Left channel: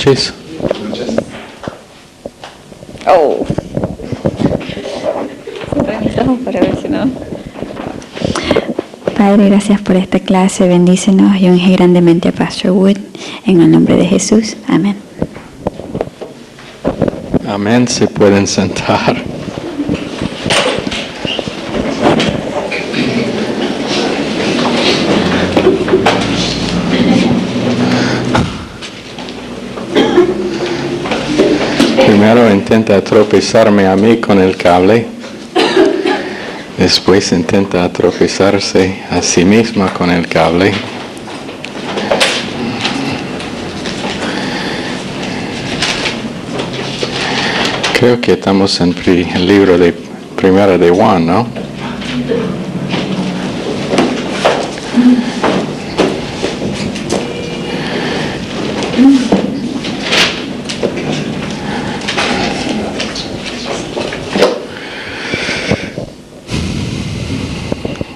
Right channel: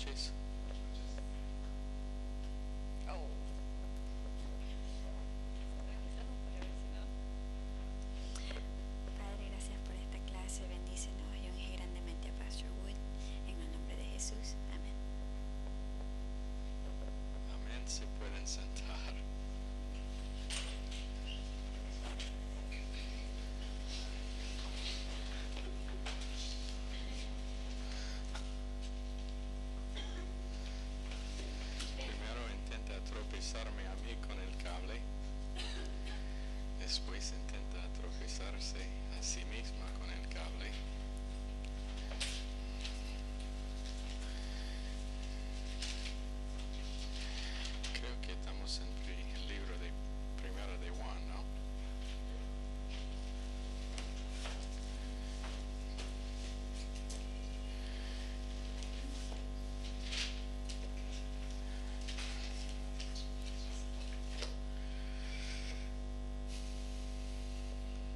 noches. Oh. Para ver si no. Padre, gracias por esta clase. Bendícenos y unge grandemente a Pastor Wood. En el nombre de Jesús. Amén. Amén. Se pueden sentar. Primero intenta tropezarme a mí con el cable. Después intenta tropezarse a sí misma con el cable. Creo que estamos en el libro de Primera de Juan, ¿no?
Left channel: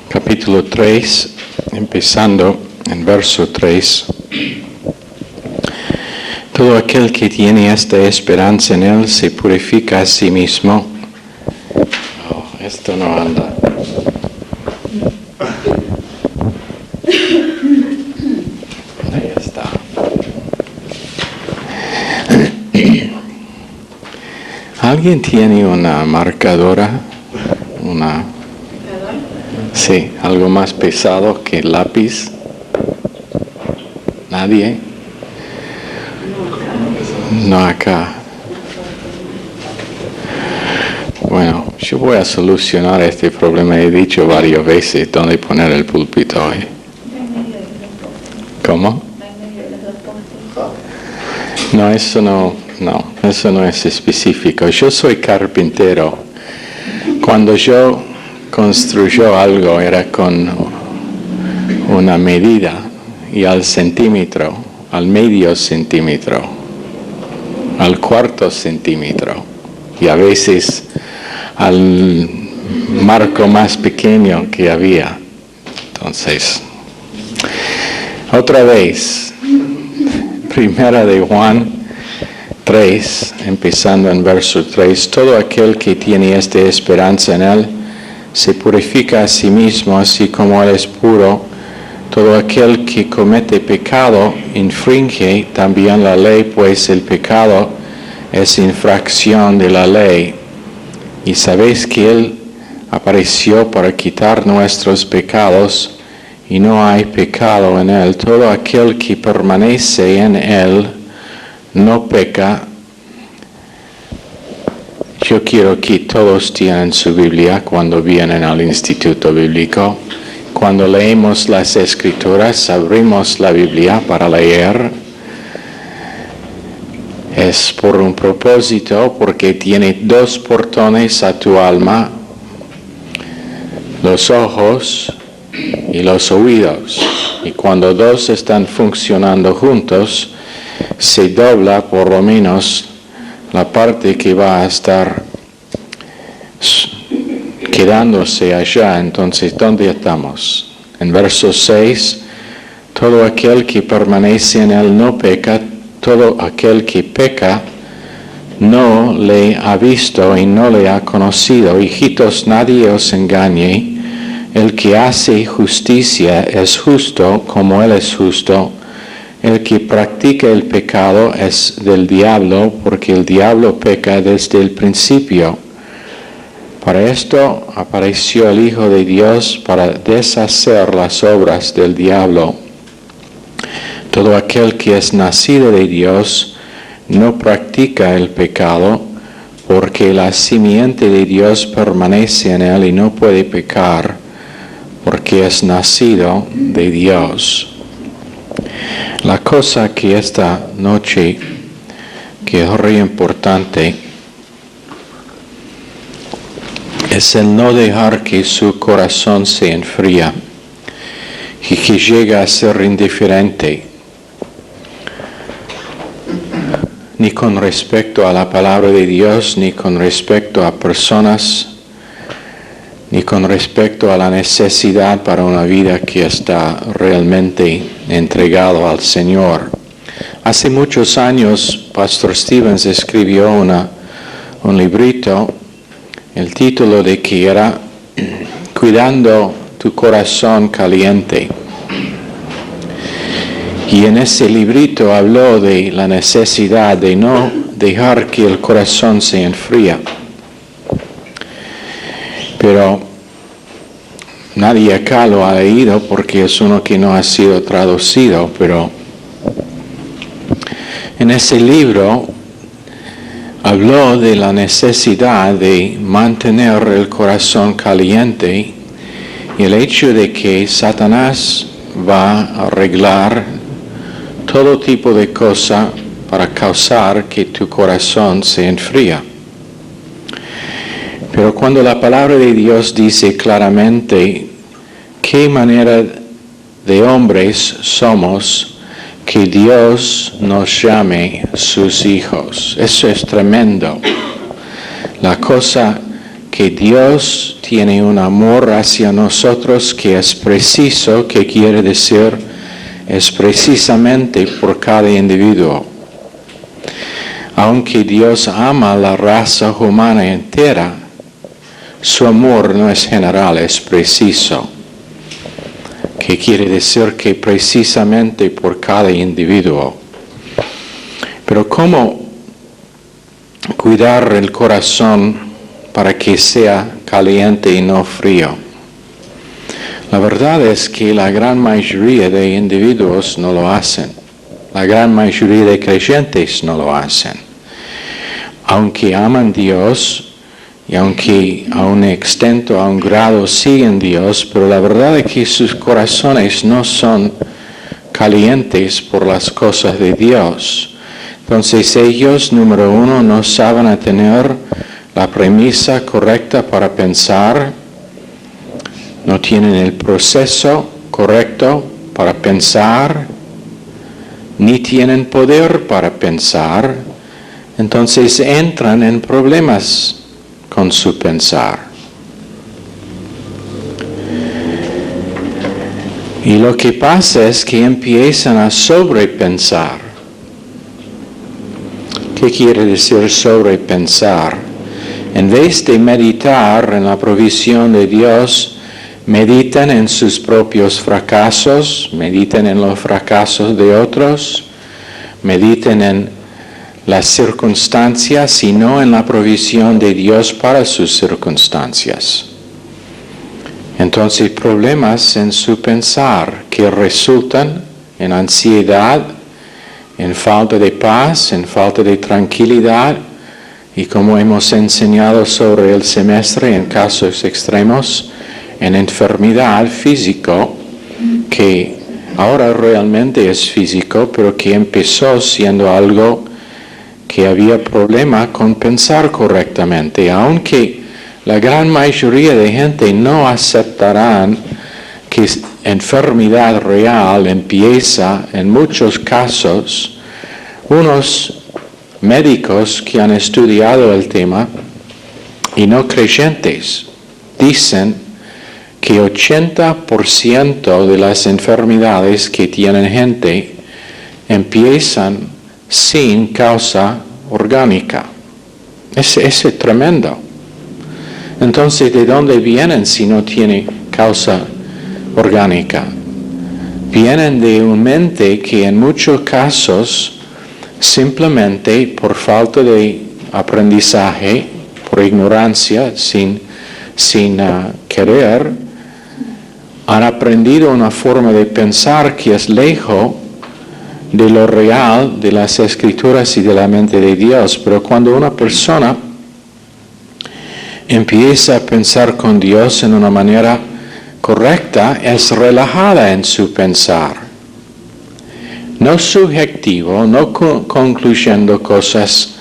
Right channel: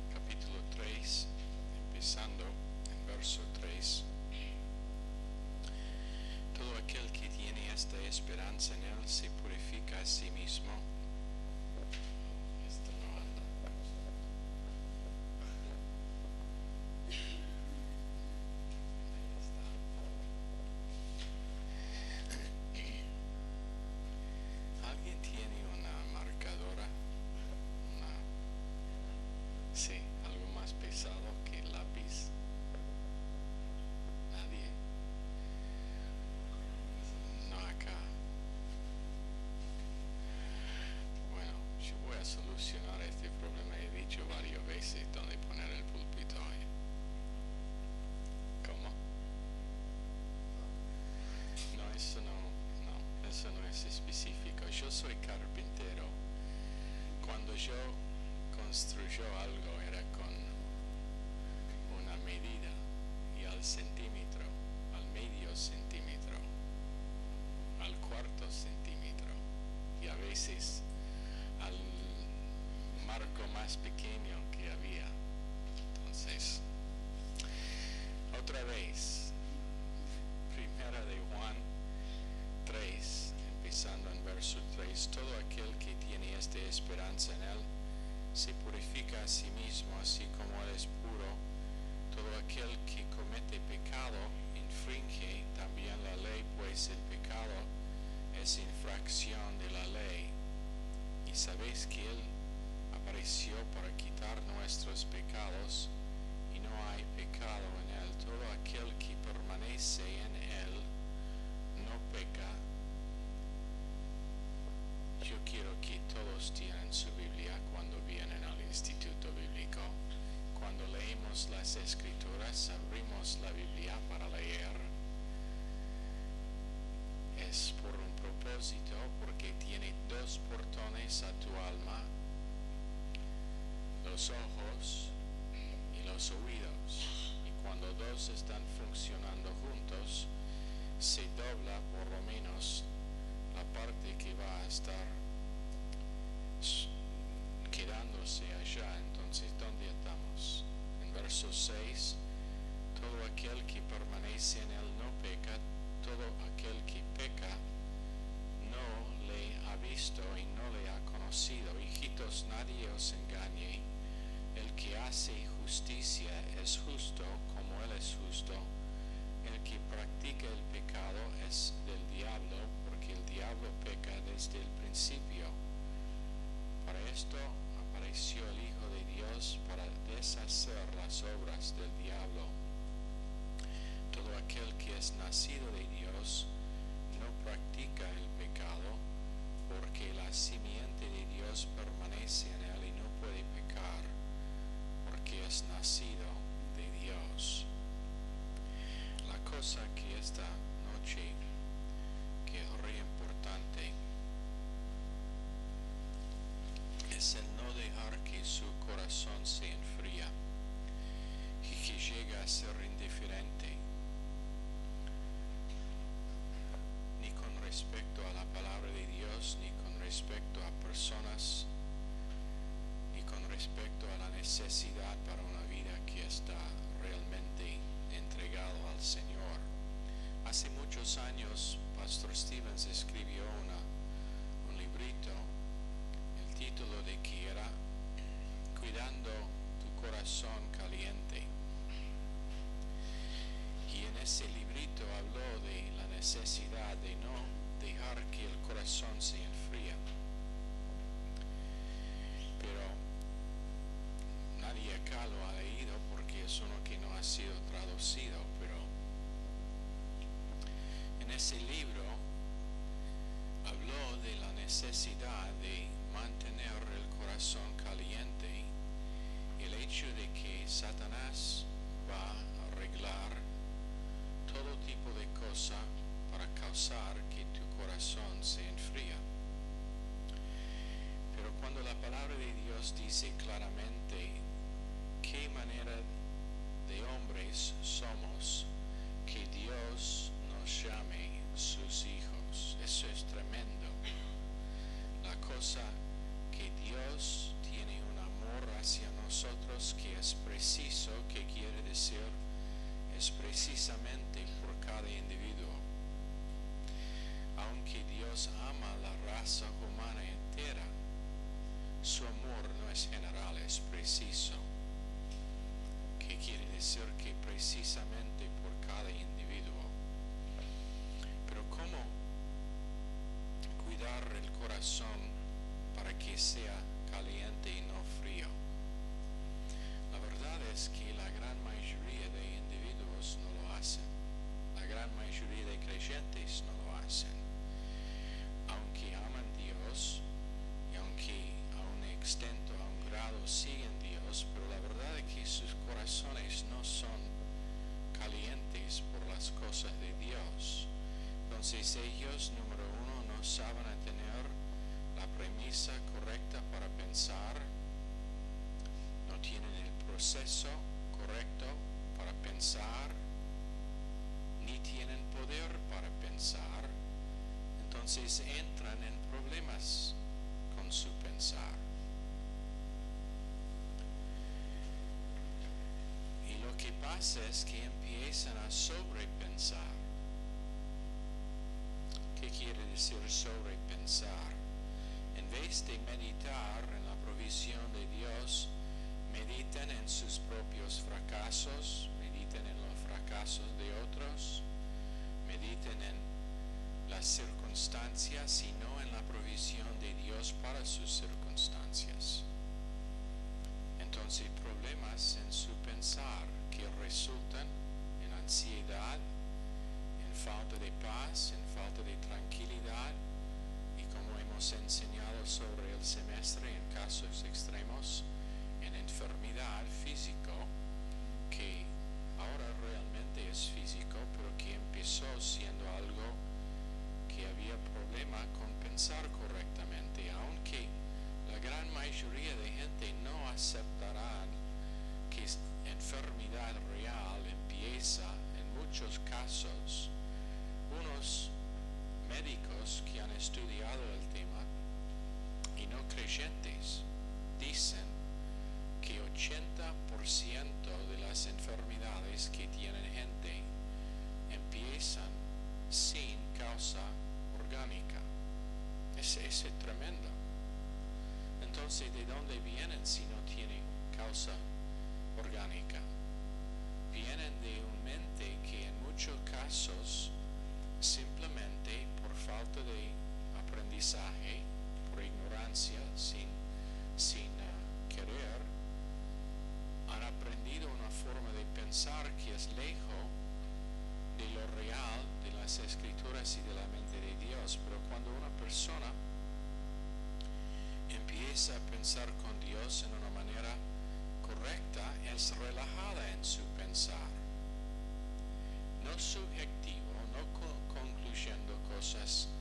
Capítulo 3, empezando en verso 3. Todo aquel que tiene esta esperanza en él se purifica a sí mismo. Oh, esto no anda. Ahí está. ¿Alguien tiene una marcadora? Sí, algo más pesado que el lápiz. ¿Nadie? No acá. Bueno, yo voy a solucionar este problema. He dicho varias veces dónde poner el púlpito hoy. ¿Cómo? No, eso no es específico. Yo soy carpintero. Cuando yo construyó algo era con una medida y al centímetro, al medio centímetro, al cuarto centímetro y a veces al marco más pequeño que había. Entonces, otra vez, Primera de Juan 3, empezando en verso 3, todo aquel que tiene esta esperanza en él se purifica a sí mismo, así como él es puro. Todo aquel que comete pecado infringe también la ley, pues el pecado es infracción de la ley. Y sabéis que él apareció para quitar nuestros pecados, y no hay pecado en él. Todo aquel que permanece en él no peca. Yo quiero que todos tienen su Biblia cuando vienen al Instituto Bíblico. Cuando leemos las Escrituras, abrimos la Biblia para leer. Es por un propósito, porque tiene dos portones a tu alma, los ojos y los oídos. Y cuando dos están funcionando juntos, se dobla por lo menos la parte que va a estar quedándose allá. Entonces, ¿dónde estamos? En verso 6, todo aquel que permanece en él no peca, todo aquel que peca no le ha visto y no le ha conocido. Hijitos, nadie os engañe, el que hace justicia es justo como él es justo. El que practica el pecado es del diablo, porque el diablo peca desde el principio. Para esto apareció el Hijo de Dios, para deshacer las obras del diablo. Todo aquel que es nacido de Dios no practica el pecado, porque la simiente de Dios permanece en él y no puede pecar, porque es nacido de Dios. La cosa que esta noche, que es muy importante, es el no dejar que su corazón se enfríe y que llegue a ser indiferente, ni con respecto a la palabra de Dios, ni con respecto a personas, ni con respecto a la necesidad para una vida que está realmente entregado al Señor. Hace muchos años, Pastor Stevens escribió un librito, el título de que era Cuidando tu corazón caliente. Y en ese librito habló de la necesidad de no dejar que el corazón se enfríe. Pero nadie acá lo ha leído porque es uno que no ha sido traducido, pero en ese libro habló de la necesidad de mantener el corazón caliente y el hecho de que Satanás va a arreglar todo tipo de cosa para causar que tu corazón se enfríe. Pero cuando la palabra de Dios dice claramente qué manera de hombres somos, que Dios nos llame sus hijos. Eso es tremendo. La cosa que Dios tiene un amor hacia nosotros que es preciso, que quiere decir, es precisamente por cada individuo. Aunque Dios ama a la raza humana entera, su amor no es general, es preciso. Que quiere decir que precisamente por cada individuo. Pero ¿cómo cuidar el corazón para que sea caliente y no frío? La verdad es que la gran mayoría de individuos no lo hacen. La gran mayoría de creyentes no lo hacen. Aunque aman a Dios, y aunque a un extent, a un grado siguen Dios, pero la verdad es que sus corazones no son calientes por las cosas de Dios. Entonces ellos, número uno, no saben tener la premisa correcta para pensar, no tienen el proceso correcto para pensar, ni tienen poder para pensar, entonces entran en problemas con su pensar. Y lo que pasa es que empiezan a sobrepensar. ¿Qué quiere decir sobrepensar? En vez de meditar en la provisión de Dios, meditan en sus propios fracasos, meditan en los fracasos de otros, meditan en las circunstancias y no en la provisión de Dios para sus circunstancias. Entonces problemas en su pensar que resultan en ansiedad, en falta de paz, en falta de tranquilidad y como hemos enseñado sobre el semestre en casos extremos, en enfermedad físico que ahora realmente es físico pero que empezó siendo algo que había problema con pensar correctamente, aunque la gran mayoría de gente no aceptarán que enfermedad real empieza en muchos casos. Unos médicos que han estudiado el tema y no creyentes dicen que 80% de las enfermedades que tienen gente empiezan sin causa orgánica. Ese es tremendo. Entonces, ¿de dónde vienen si no tiene causa orgánica? Vienen de una mente que en muchos casos, simplemente por falta de aprendizaje, por ignorancia, sin querer, han aprendido una forma de pensar que es lejos de lo real, de las escrituras y de la mente de Dios. Pero cuando una persona empieza a pensar con Dios en una manera correcta, es relajada en su pensar. No subjetivo, no concluyendo cosas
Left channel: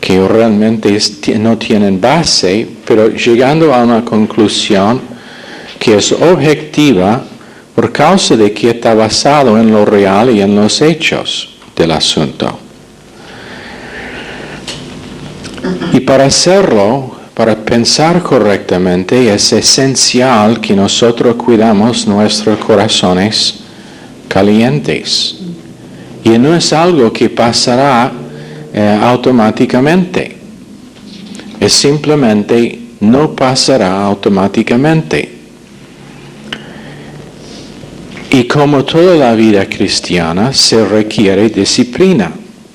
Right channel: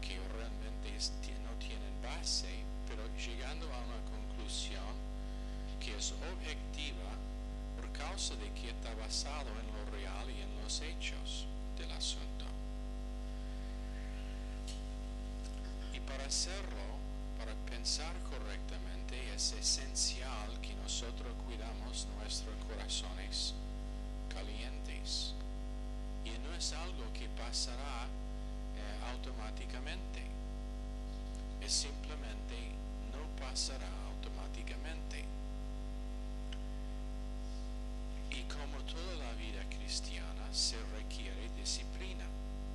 que realmente no tienen base, pero llegando a una conclusión que es objetiva por causa de que está basado en lo real y en los hechos del asunto. Y para hacerlo, para pensar correctamente, es esencial que nosotros cuidamos nuestros corazones calientes. Y no es algo que pasará automáticamente. Es simplemente no pasará automáticamente. Y como toda la vida cristiana, se requiere disciplina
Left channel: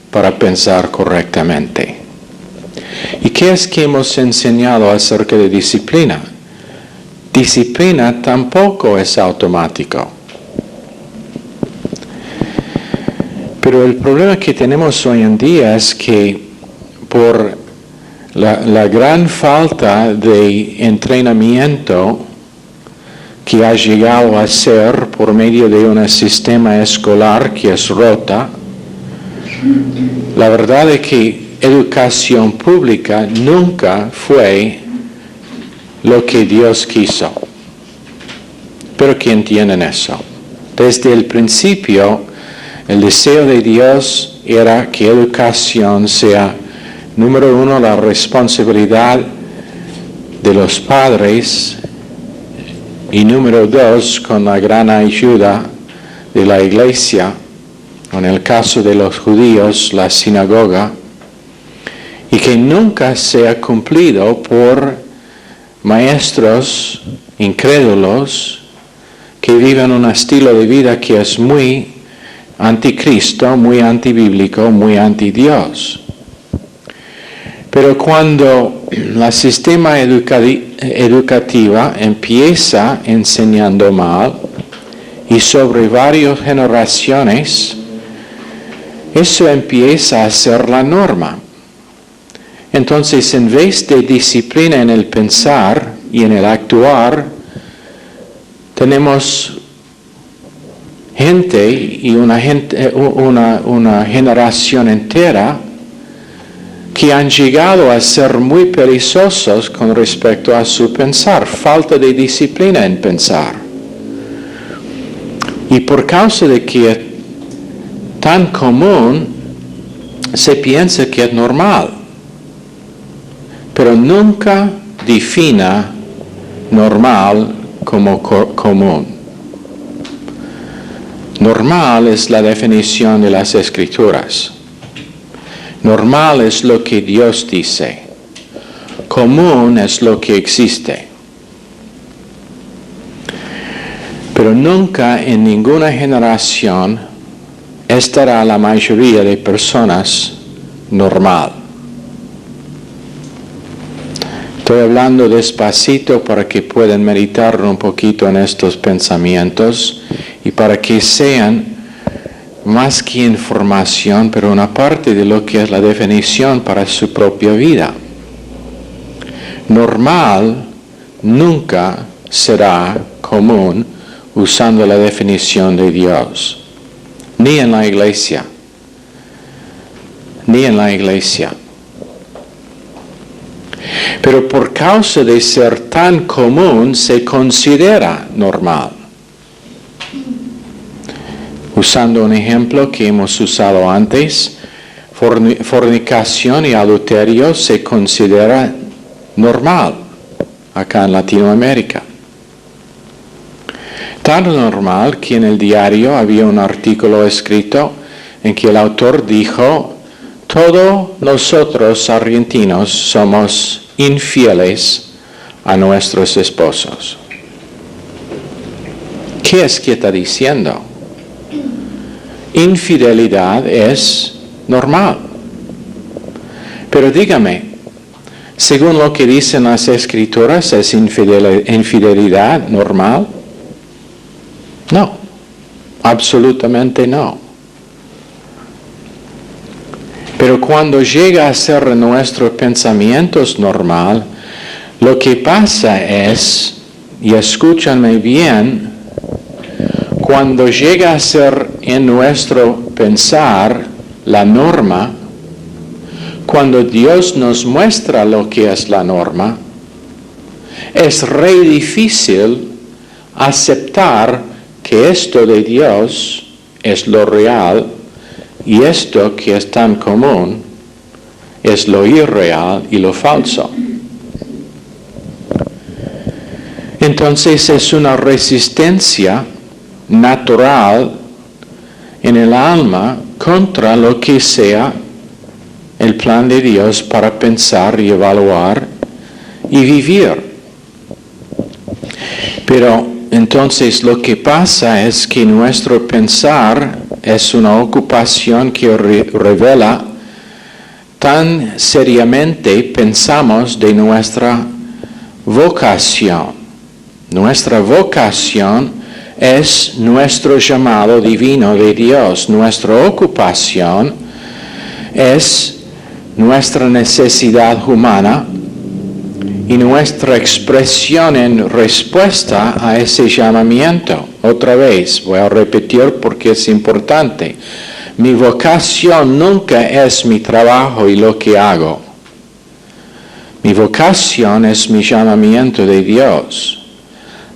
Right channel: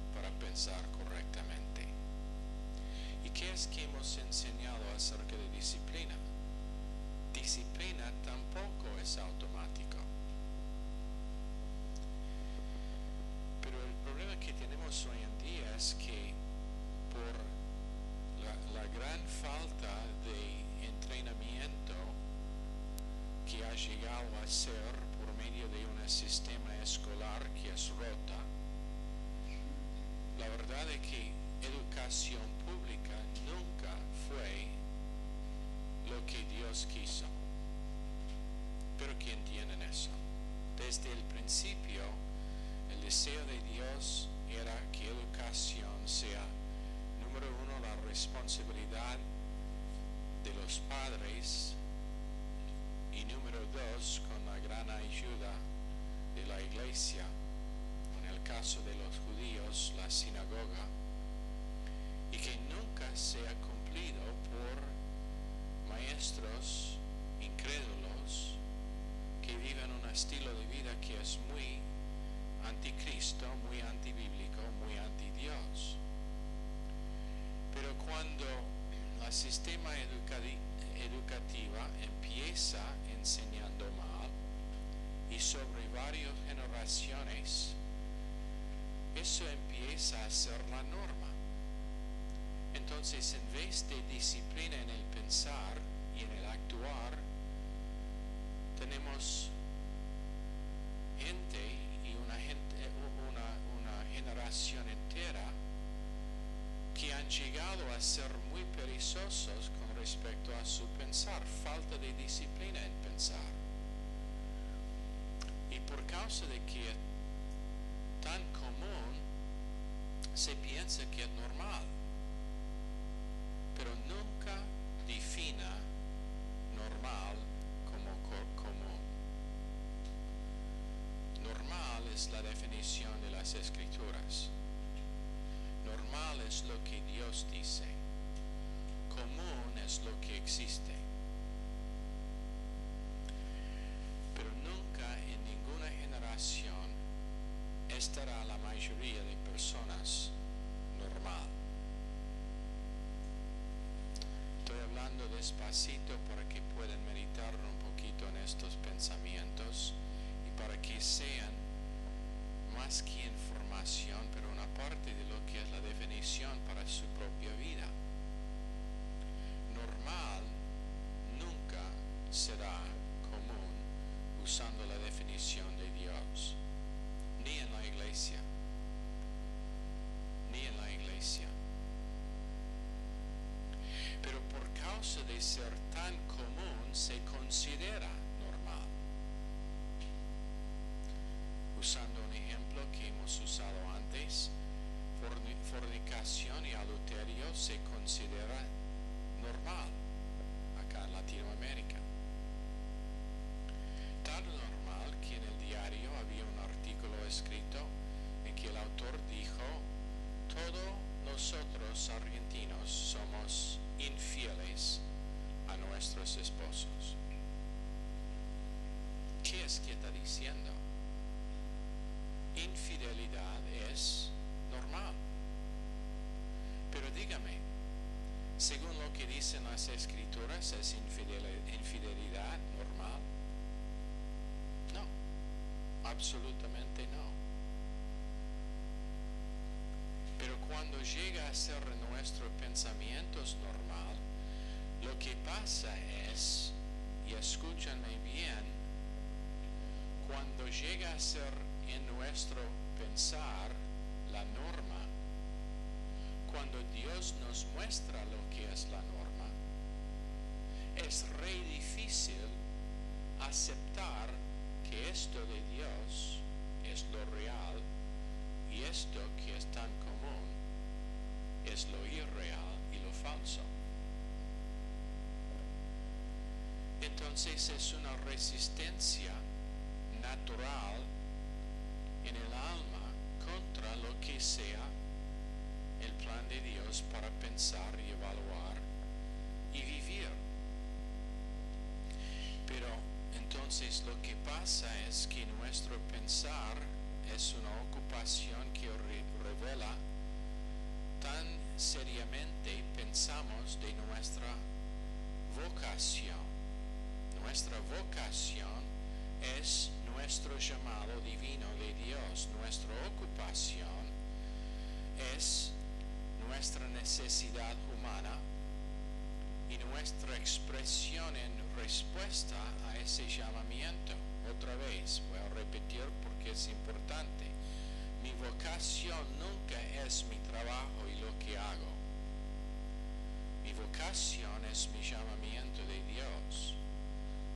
para pensar correctamente. ¿Y qué es que hemos enseñado acerca de disciplina? Disciplina tampoco es automático. Pero el problema que tenemos hoy en día es que por la gran falta de entrenamiento que ha llegado a ser por medio de un sistema escolar que es rota, la verdad es que educación pública nunca fue lo que Dios quiso. Pero que entienden eso. Desde el principio, el deseo de Dios era que educación sea, número uno, la responsabilidad de los padres, y número dos, con la gran ayuda de la iglesia, en el caso de los judíos, la sinagoga, y que nunca sea cumplido por maestros incrédulos que viven un estilo de vida que es muy anticristo, muy antibíblico, muy antidios. Pero cuando el sistema educativa empieza enseñando mal y sobre varias generaciones, eso empieza a ser la norma. Entonces, en vez de disciplina en el pensar y en el actuar, tenemos gente y una generación entera que han llegado a ser muy perezosos con respecto a su pensar, falta de disciplina en pensar. Y por causa de que es tan común, se piensa que es normal, pero nunca defina normal como común. Normal es la definición de las Escrituras. Normal es lo que Dios dice. Común es lo que existe. Pero nunca en ninguna generación estará la mayoría de personas normal. Estoy hablando despacito para que puedan meditar un poquito en estos pensamientos y para que sean más que información, pero una parte de lo que es la definición para su propia vida. Normal nunca será común usando la definición de Dios, ni en la iglesia, ni en la iglesia. Pero por causa de ser tan común, se considera normal. Usando un ejemplo que hemos usado antes, fornicación y adulterio se considera normal acá en Latinoamérica. Tan normal que en el diario había un artículo escrito en que el autor dijo: todos nosotros argentinos somos infieles a nuestros esposos. ¿Qué es que está diciendo? Infidelidad es normal. Pero dígame, según lo que dicen las Escrituras, ¿es infidelidad normal? No, absolutamente no. Pero cuando llega a ser nuestros pensamientos normal, lo que pasa es, y escúchanme bien, cuando llega a ser en nuestro pensar la norma, cuando Dios nos muestra lo que es la norma, es re difícil aceptar que esto de Dios es lo real y esto que es tan común es lo irreal y lo falso. Entonces es una resistencia natural en el alma contra lo que sea el plan de Dios para pensar y evaluar y vivir. Pero entonces lo que pasa es que nuestro pensar es una ocupación que revela tan seriamente pensamos de nuestra vocación. Nuestra vocación es nuestro llamado divino de Dios. Nuestra ocupación es nuestra necesidad humana y nuestra expresión en respuesta a ese llamamiento. Otra vez, voy a repetir porque es importante. Mi vocación nunca es mi trabajo y lo que hago. Mi vocación es mi llamamiento de Dios.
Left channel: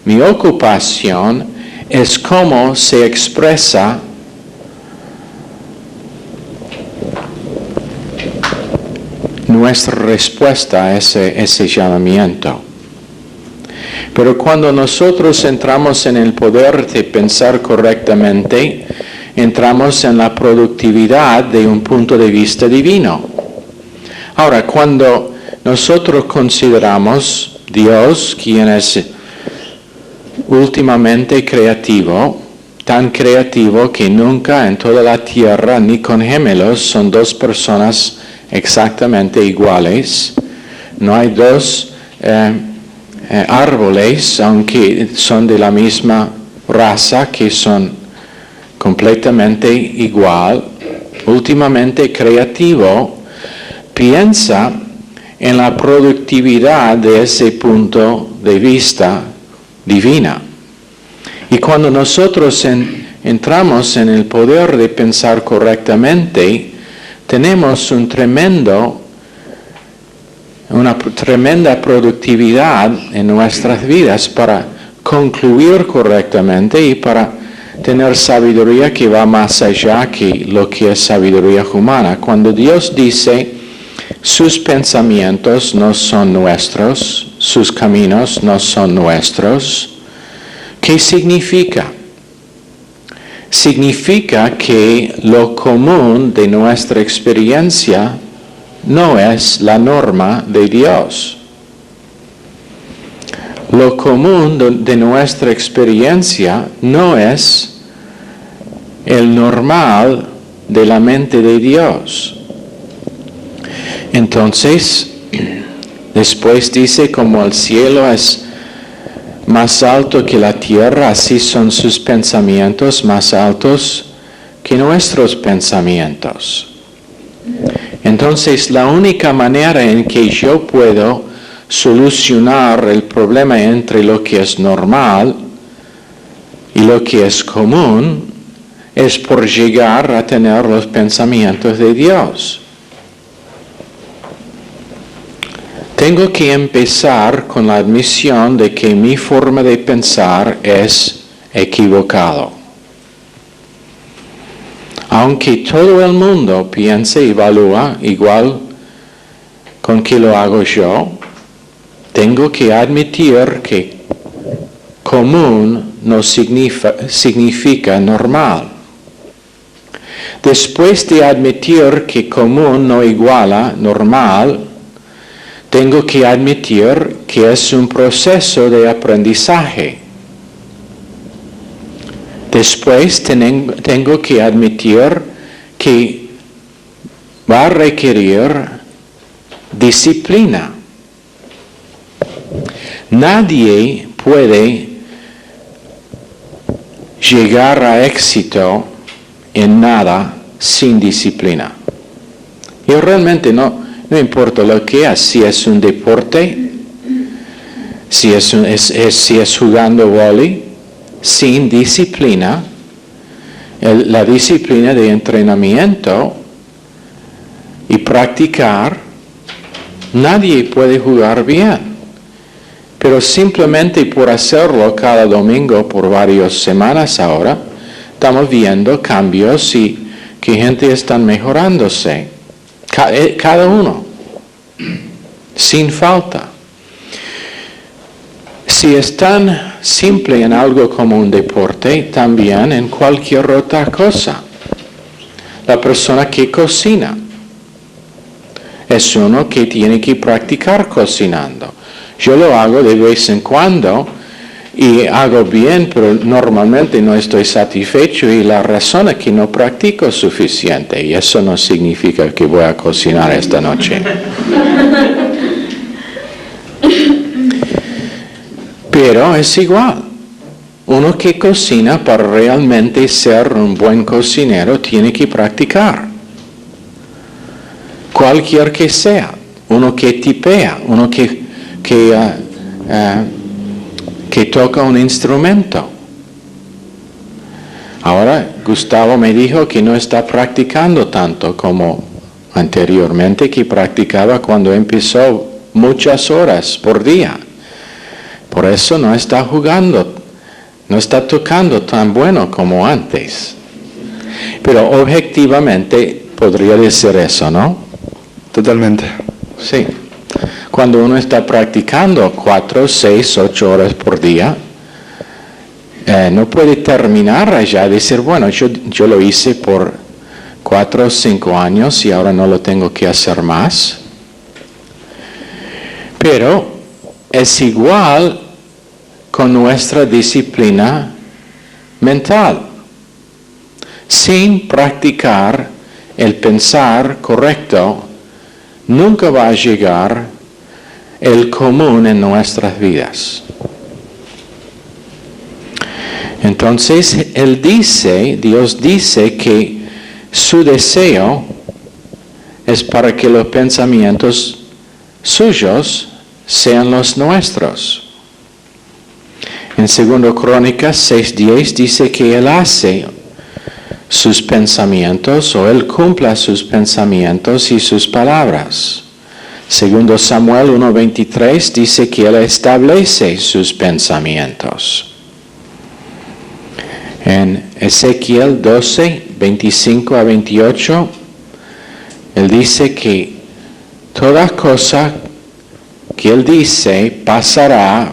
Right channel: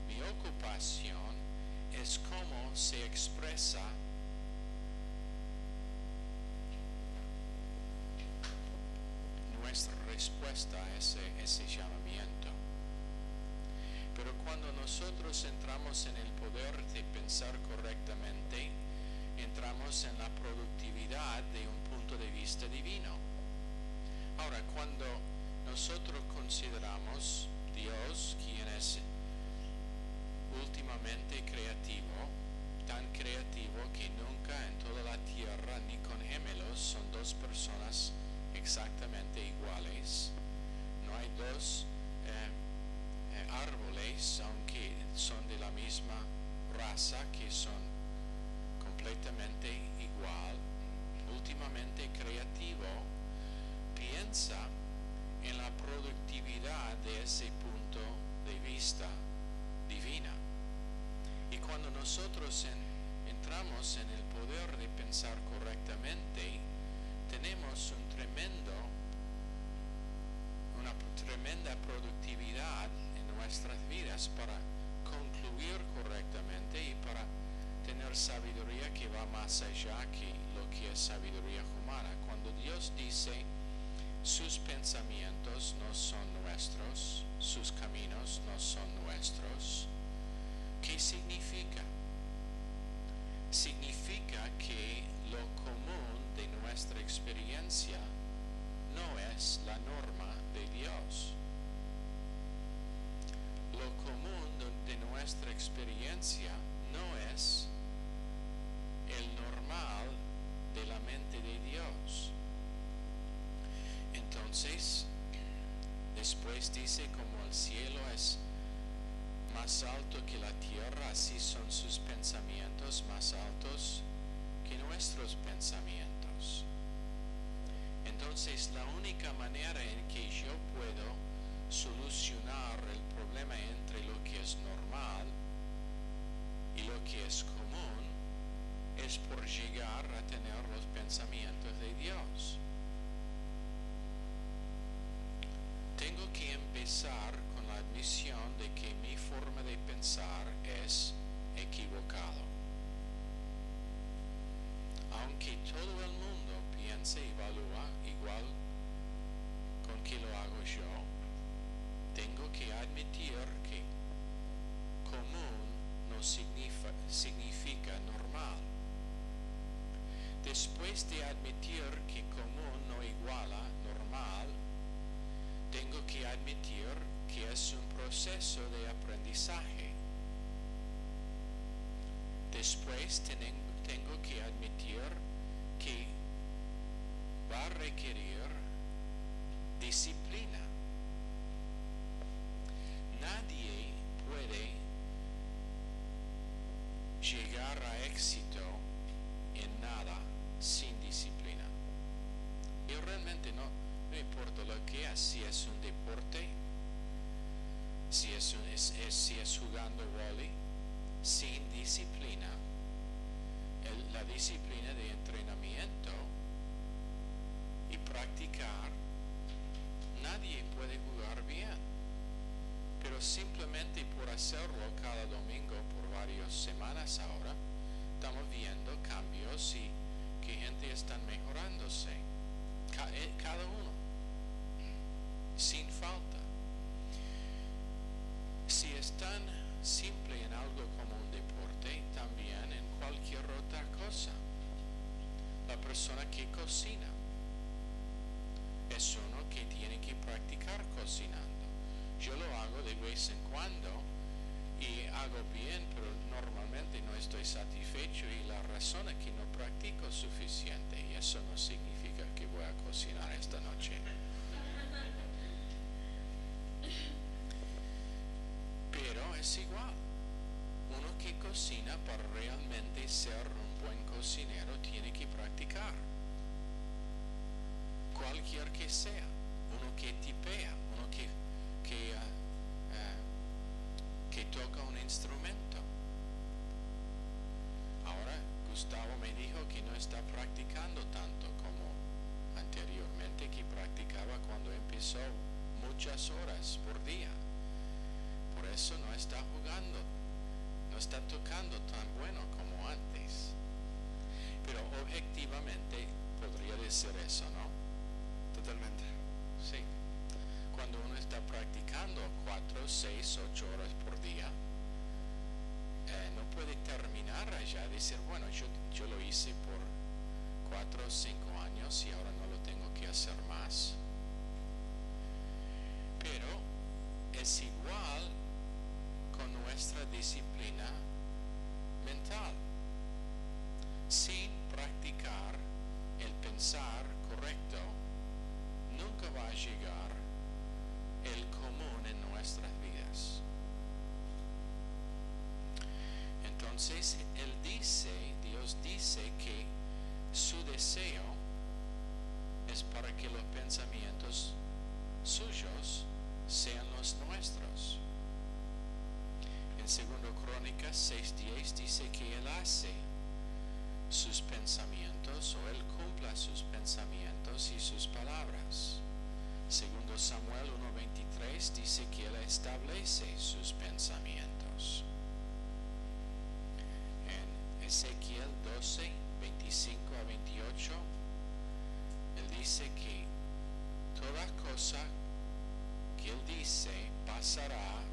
Mi ocupación es cómo se expresa nuestra respuesta a ese llamamiento. Pero cuando nosotros entramos en el poder de pensar correctamente, entramos en la productividad de un punto de vista divino. Ahora, cuando nosotros consideramos Dios, quien es últimamente creativo, tan creativo que nunca en toda la tierra ni con gemelos son dos personas exactamente iguales. No hay dos árboles, aunque son de la misma raza, que son completamente igual. Últimamente creativo, piensa en la productividad de ese punto de vista divina. Y cuando nosotros entramos en el poder de pensar correctamente, tenemos una tremenda productividad en nuestras vidas para concluir correctamente y para tener sabiduría que va más allá que lo que es sabiduría humana. Cuando Dios dice, sus pensamientos no son nuestros, sus caminos no son nuestros, ¿qué significa? Significa que lo común de nuestra experiencia no es la norma de Dios. Lo común de nuestra experiencia no es el normal de la mente de Dios. Entonces, después dice, como el cielo es más alto que la tierra, así son sus pensamientos más altos que nuestros pensamientos. Entonces, la única manera en que yo puedo solucionar el problema entre lo que es normal y lo que es común es por llegar a tener los pensamientos de Dios. Tengo que empezar con la admisión de que mi forma de pensar es equivocado. Aunque todo el mundo piense y evalúa igual con que lo hago yo, tengo que admitir que común no significa normal. Después de admitir que común no iguala normal, tengo que admitir que es un proceso de aprendizaje. Después tengo que admitir que va a requerir disciplina. Nadie puede llegar a éxito en nada sin disciplina. Y realmente no importa lo que es, si es un deporte, si es jugando vóley, sin disciplina, la disciplina de entrenamiento y practicar, nadie puede jugar bien. Pero simplemente por hacerlo cada domingo por varias semanas ahora, estamos viendo cambios y que gente está mejorándose. Cada uno, sin falta. Si es tan simple en algo como un deporte, también en cualquier otra cosa. la persona que cocina. Es uno que tiene que practicar cocinando. Yo lo hago de vez en cuando y hago bien, pero normalmente no estoy satisfecho y la razón es que no practico suficiente y eso no significa que voy a cocinar esta noche. Pero es igual. Uno que cocina para realmente ser un buen cocinero tiene que practicar. Cualquier que sea. Uno que tipea, uno que toca un instrumento. Ahora, Gustavo me dijo que no está practicando tanto como anteriormente, que practicaba cuando empezó muchas horas por día. Por eso no está jugando, no está tocando tan bueno como antes. Pero objetivamente podría decir eso, ¿no? Totalmente. Sí. Cuando uno está practicando 4, 6, 8 horas por día, no puede terminar allá y decir, bueno, yo lo hice por 4 o 5 años y ahora no lo tengo que hacer más. Pero es igual con nuestra disciplina mental. Sin practicar el pensar correcto, nunca va a llegar el común en nuestras vidas. Entonces, Dios dice que su deseo es para que los pensamientos suyos sean los nuestros. En 2 Crónicas 6:10 dice que Él hace sus pensamientos o Él cumpla sus pensamientos y sus palabras. 2 Samuel 1:23 dice que Él establece sus pensamientos. En Ezequiel 12:25-28, Él dice que toda cosa que Él dice pasará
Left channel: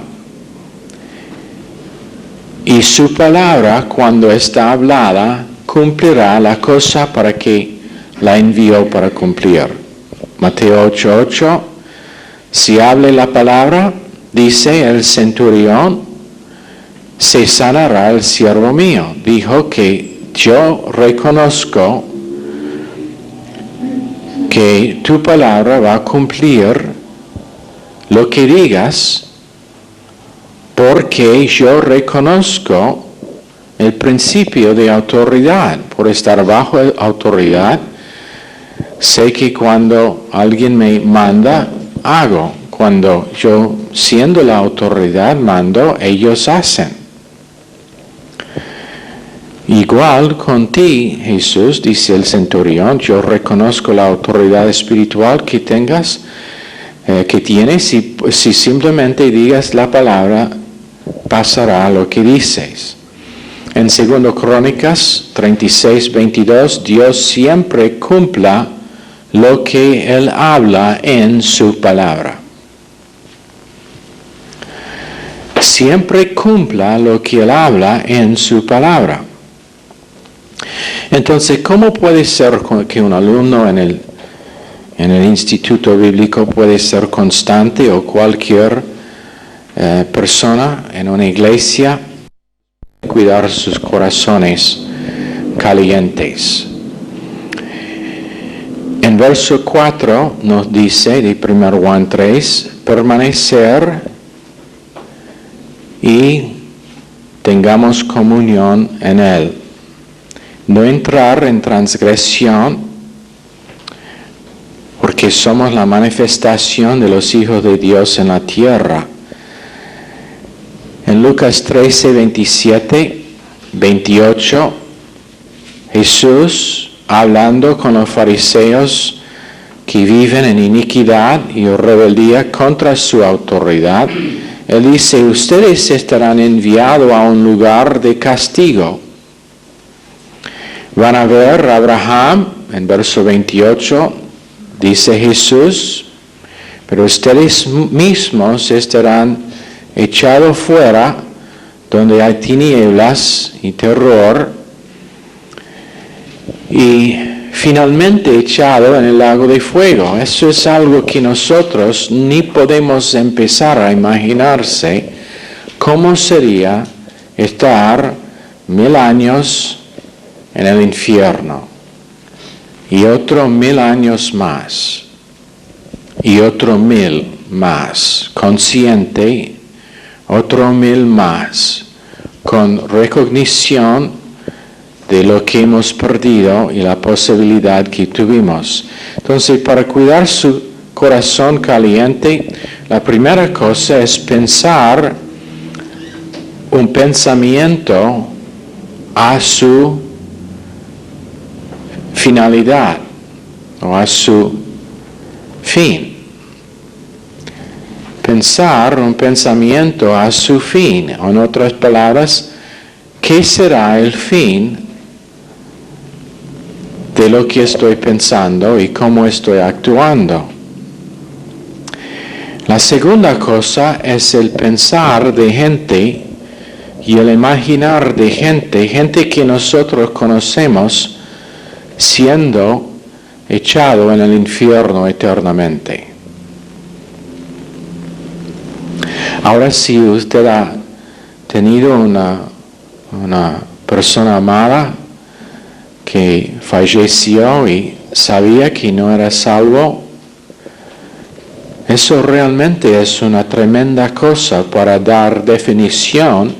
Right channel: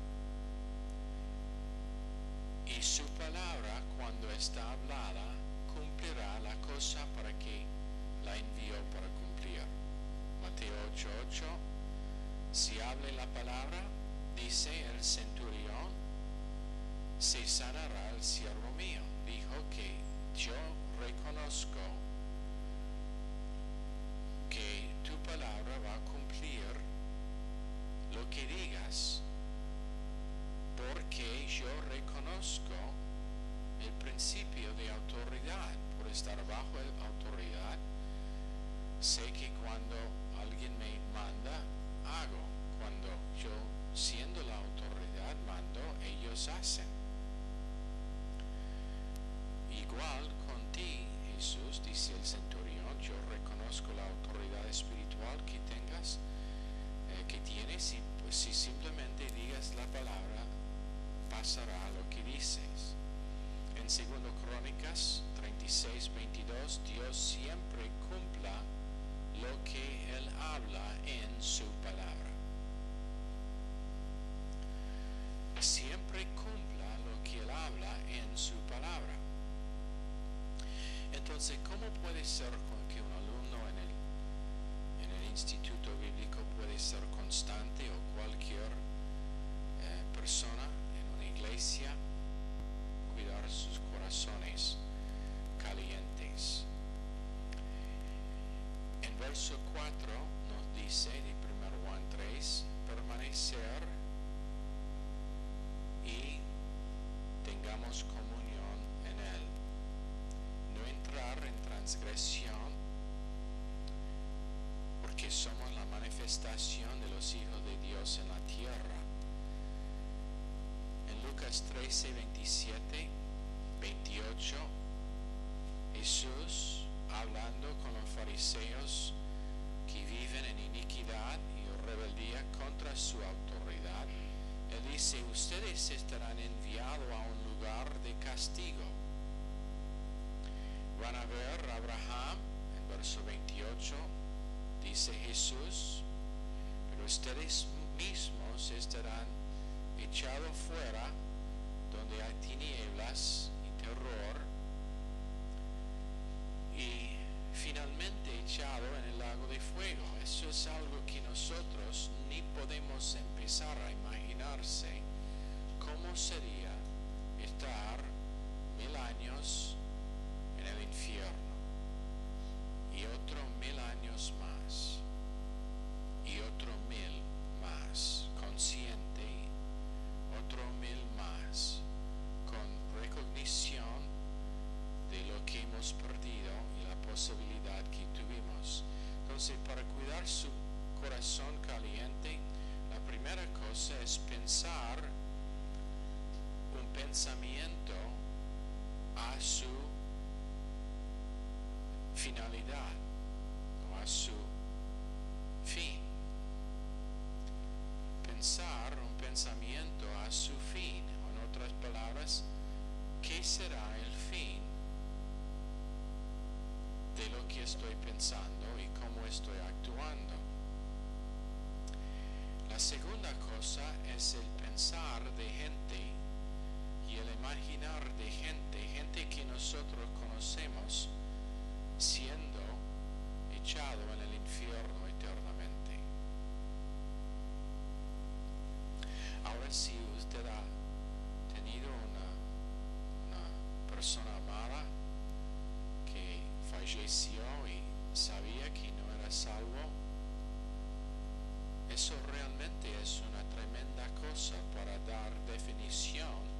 y su palabra cuando está hablada cumplirá la cosa para que la envió para cumplir. Mateo 8:8, si hable la palabra, dice el centurión, se sanará el siervo mío. Dijo que yo reconozco que tu palabra va a cumplir lo que digas, porque yo reconozco el principio de autoridad. Por estar bajo autoridad, sé que cuando alguien me manda, hago. Cuando yo, siendo la autoridad, mando, ellos hacen. Igual con ti, Jesús, dice el centurión, yo reconozco la autoridad espiritual que tengas, que tienes, y si simplemente digas la palabra, pasará lo que dices. En 2 Crónicas 36:22, Dios siempre cumpla lo que Él habla en su palabra. Siempre cumpla lo que Él habla en su palabra. Entonces, ¿cómo puede ser que un alumno en el instituto bíblico puede ser constante o cualquier persona en una iglesia cuidar sus corazones calientes? En verso 4 nos dice de 1 Juan 3, permanecer y tengamos comunión en Él. No entrar en transgresión, porque somos la manifestación de los hijos de Dios en la tierra. En Lucas 13, 27, 28, Jesús, hablando con los fariseos que viven en iniquidad y rebeldía contra su autoridad, Él dice, ustedes estarán enviados a un lugar de castigo. Van a ver a Abraham, en verso 28, dice Jesús, pero ustedes mismos estarán echados fuera, donde hay tinieblas y terror, y finalmente echado en el lago de fuego. Eso es algo que nosotros ni podemos empezar a imaginarse cómo sería estar 1000 años en el infierno y otros 1000 años más y otros 1000 más, consciente, otros 1000 más, con recognición de lo que hemos perdido y la posibilidad que tuvimos. Entonces, para cuidar su corazón caliente, la primera cosa es pensar un pensamiento a su finalidad o a su fin. Pensar un pensamiento a su fin, o en otras palabras, ¿qué será el fin de lo que estoy pensando y cómo estoy actuando? La segunda cosa es el pensar de gente y el imaginar de gente que nosotros conocemos siendo echado en el infierno eternamente. Ahora, si usted ha tenido una persona amada que falleció y sabía que no era salvo, eso realmente es una tremenda cosa para dar definición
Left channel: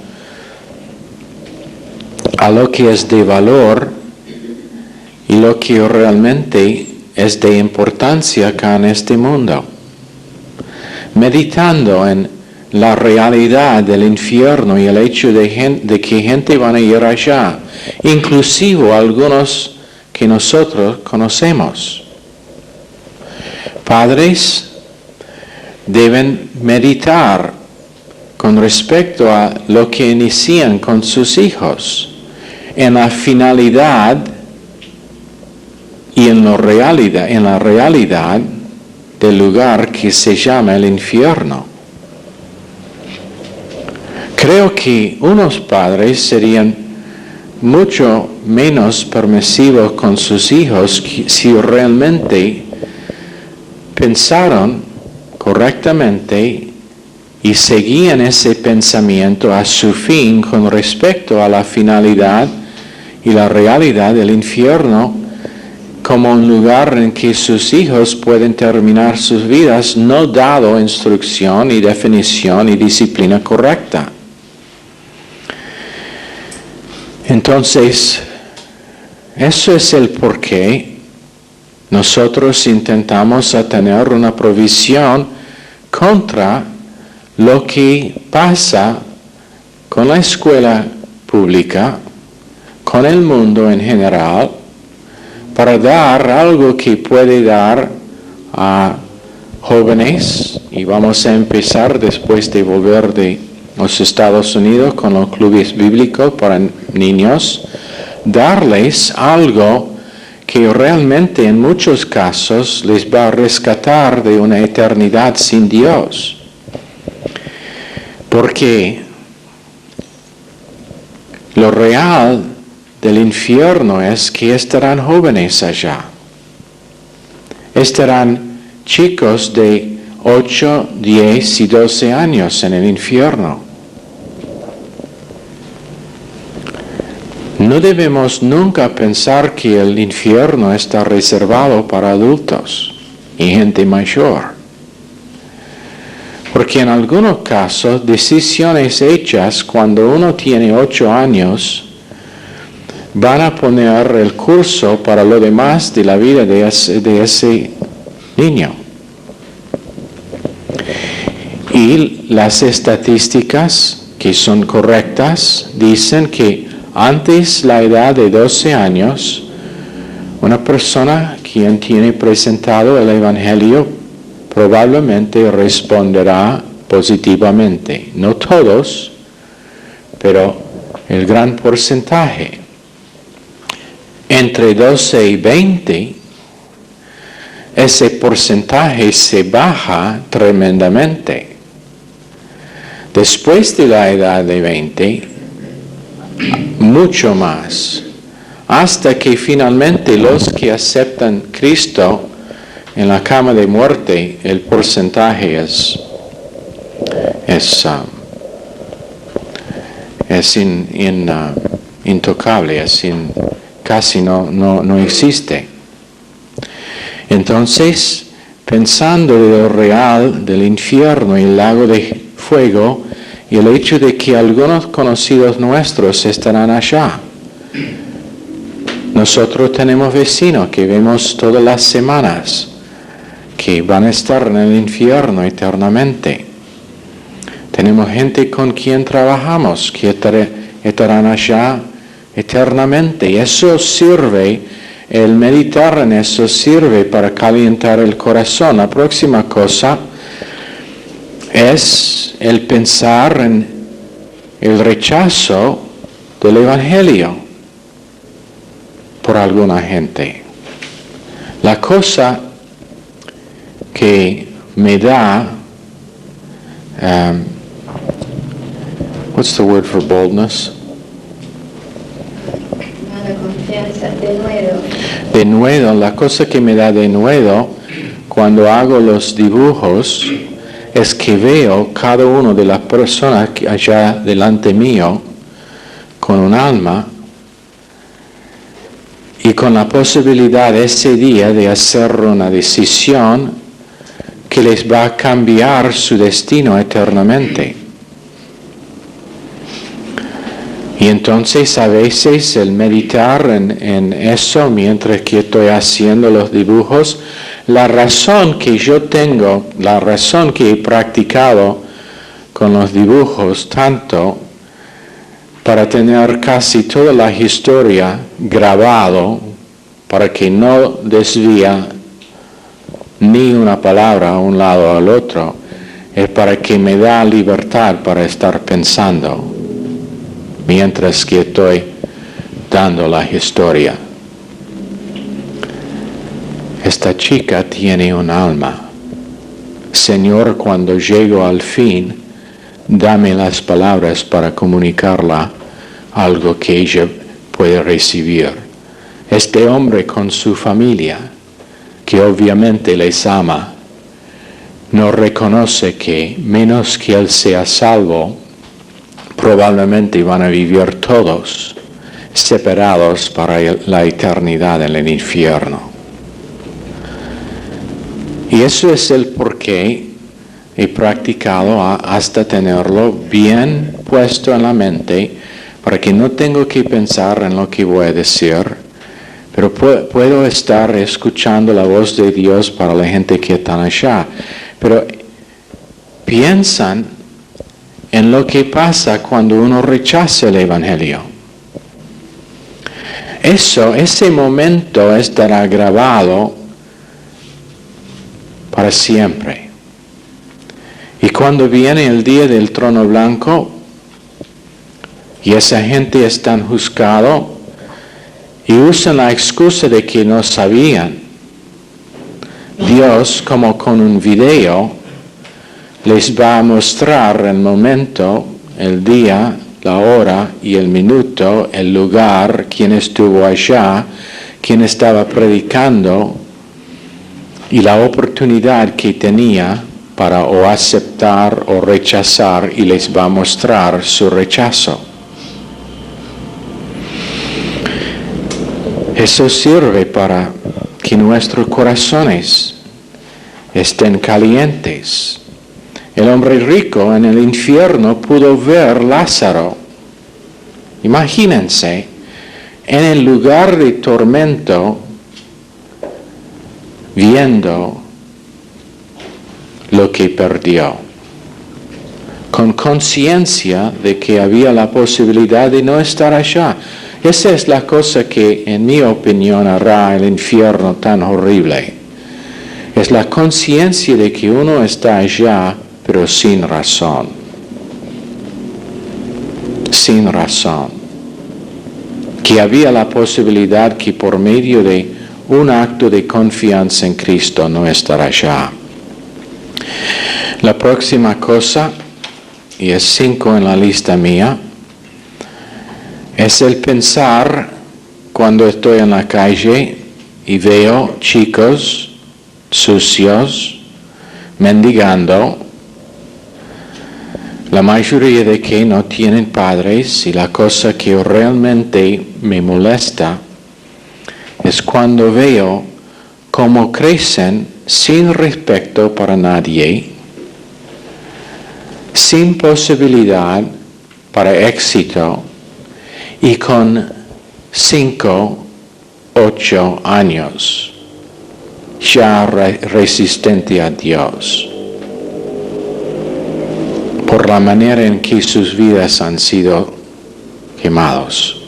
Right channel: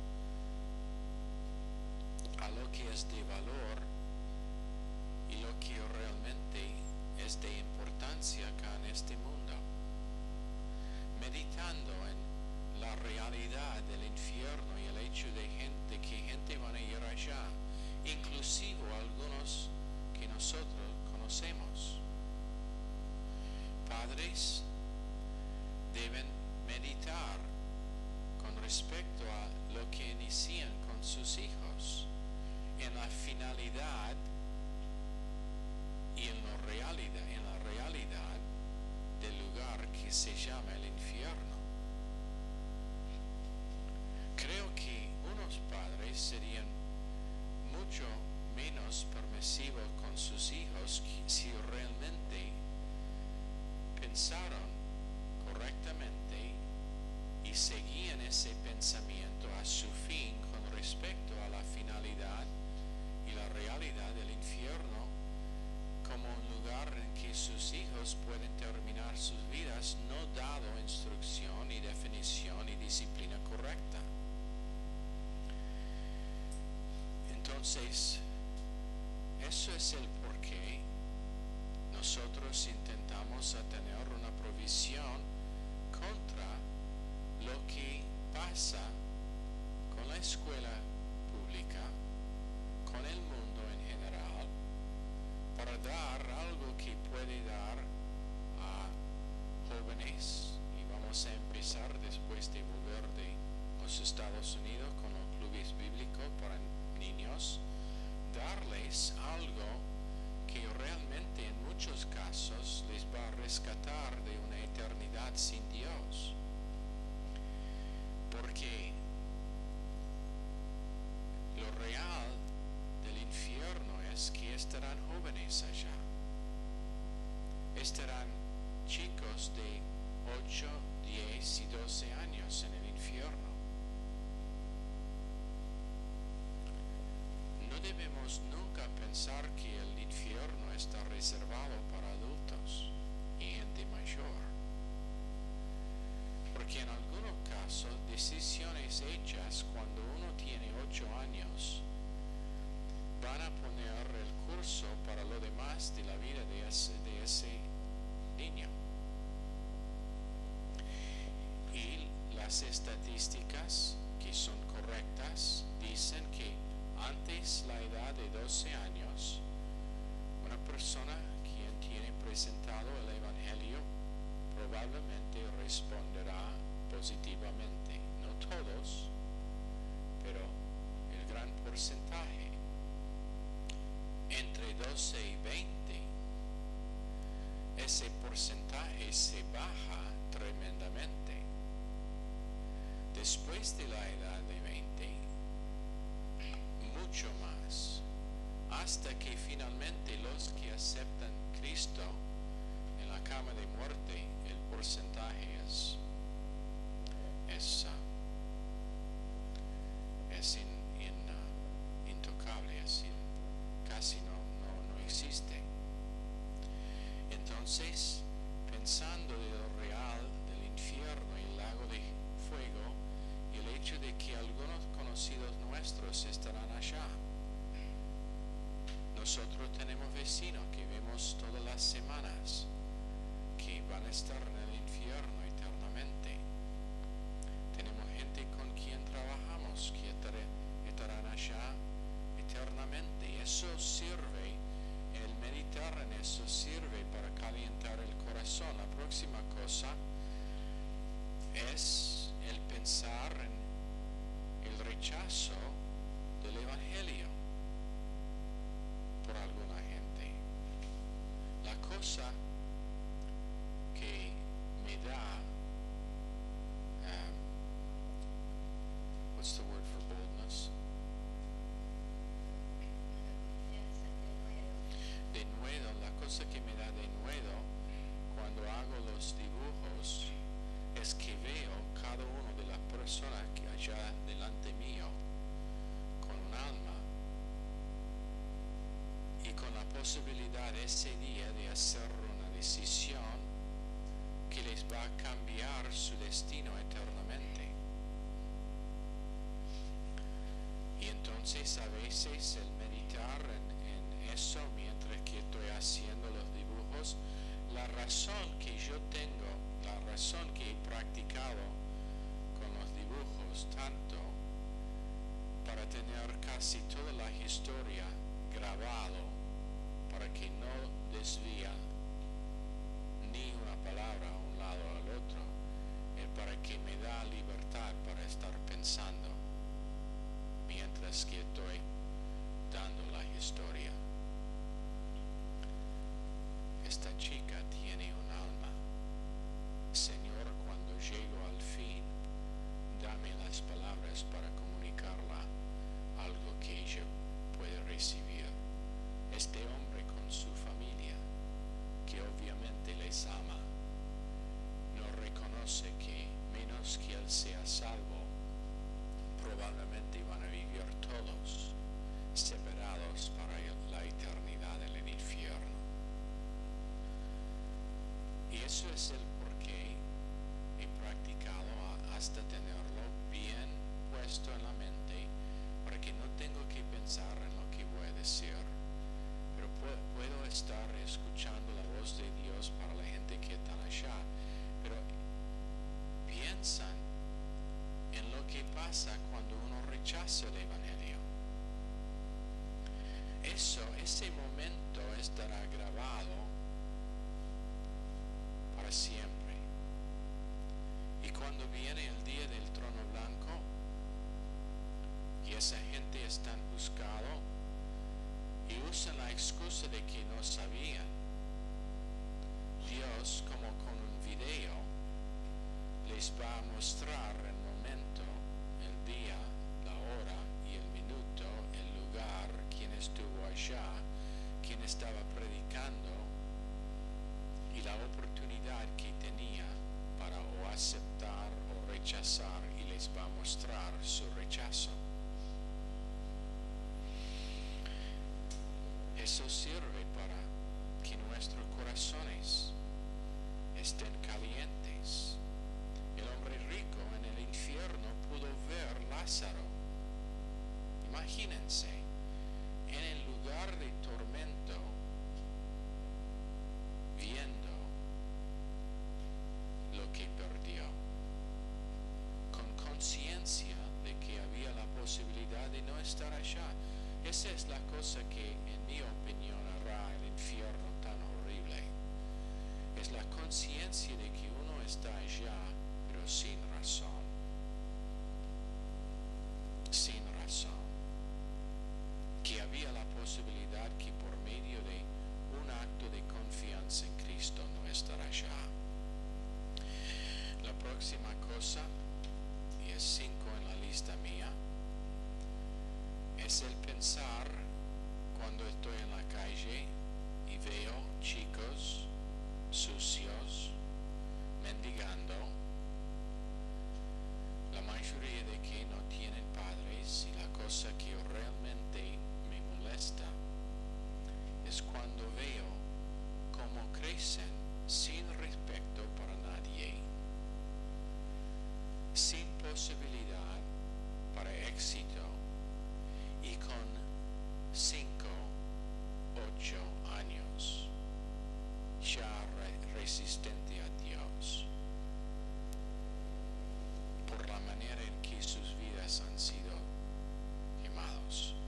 a lo que es de valor y lo que realmente es de importancia acá en este mundo. Meditando en la realidad del infierno y el hecho de que gente van a ir allá, inclusive algunos que nosotros conocemos. Padres deben meditar con respecto a lo que inician con sus hijos, en la finalidad y en la realidad del lugar que se llama el infierno. Creo que unos padres serían mucho menos permisivos con sus hijos si realmente pensaron correctamente y seguían ese pensamiento a su fin con respecto a la finalidad y la realidad del infierno como un lugar en que sus hijos pueden terminar sus vidas no dado instrucción y definición y disciplina correcta. Entonces, eso es el por qué nosotros intentamos tener una provisión contra lo que pasa con la escuela pública, con el mundo en general, para dar algo que puede dar a jóvenes, y vamos a empezar después de volver de los Estados Unidos con los clubes bíblicos para niños, darles algo que realmente en muchos casos les va a rescatar de una eternidad sin Dios. Porque lo real del infierno es que estarán jóvenes allá. Estarán chicos de 8, 10 y 12 años en el infierno. No debemos nunca pensar que el infierno está reservado para adultos y gente mayor. Porque en algunos casos, decisiones hechas cuando uno tiene 8 años van a poner el curso para lo demás de la vida de ese niño. Y las estadísticas que son correctas dicen que antes la edad de 12 años, una persona quien tiene presentado el Evangelio probablemente responderá positivamente. No todos, pero el gran porcentaje. Entre 12 y 20, ese porcentaje se baja tremendamente. Después de la edad de 20, mucho más. hasta que finalmente los que aceptan Cristo en la cama de muerte, el porcentaje es intocable, casi no existe. Entonces, pensando de lo real del infierno y el lago de fuego y el hecho de que algunos conocidos nuestros estarán allá. Nosotros tenemos vecinos que vemos todas las semanas que van a estar en el infierno eternamente. Tenemos gente con quien trabajamos que estarán allá eternamente. Y eso sirve, el meditar en eso sirve para calentar el corazón. La próxima cosa es el pensar en el rechazo del Evangelio por alguna gente. La cosa que me da, what's the word for boldness? Denuedo, la cosa que me da denuedo cuando hago los dibujos es que veo cada una de las personas que allá delante mío con un alma y con la posibilidad ese día de hacer una decisión que les va a cambiar su destino eternamente. Y entonces a veces el meditar en eso mientras que estoy haciendo los dibujos, la razón que yo tengo, la razón que he practicado con los dibujos tanto para tener casi toda la historia grabado para que no desvía ni una palabra a un lado o al otro, es para que me da libertad para estar pensando mientras que estoy dando la historia. Esta chica tiene un alma. Señor, cuando llego al fin, dame las palabras para comunicarla algo que ella puede recibir. Este hombre con su familia, que obviamente les ama, no reconoce que menos que él sea salvo, probablemente van a vivir todos separados para la eternidad en el infierno. Y eso es el porqué he practicado hasta tenerlo bien puesto en la mente, para que no tengo que pensar en lo que voy a decir, pero puedo estar escuchando la voz de Dios para la gente que está allá. Pero piensan en lo que pasa cuando uno rechaza el Evangelio. Ese momento estará grabado para siempre. Y cuando viene el día del trono blanco y esa gente está juzgada y usan la excusa de que no sabían, Dios, como con un video, les va a mostrar el momento, el día, la hora y el minuto, el lugar, quién estuvo allá, quién estaba predicando y la oportunidad que tenía para o aceptar o rechazar, y les va a mostrar su rechazo. Eso sirve para que nuestros corazones estén calientes. El hombre rico en el infierno pudo ver Lázaro. Imagínense, en el lugar de tormento, viendo lo que perdió, con conciencia de que había la posibilidad de no estar allá. Esa es la cosa que, en mi opinión, hará el infierno tan horrible. Es la conciencia de que uno está allá, pero sin razón. Sin razón. Que había la posibilidad que por medio de un acto de confianza en Cristo no estar allá. La próxima cosa, y es 5 en la lista mía, es el pensar cuando estoy en la calle y veo chicos sucios, mendigando, la mayoría de que no tienen padres, y la cosa que realmente me molesta es cuando veo cómo crecen sin respeto para nadie, sin posibilidad para éxito y con 5, 8 años, ya resistente a Dios, por la manera en que sus vidas han sido quemados.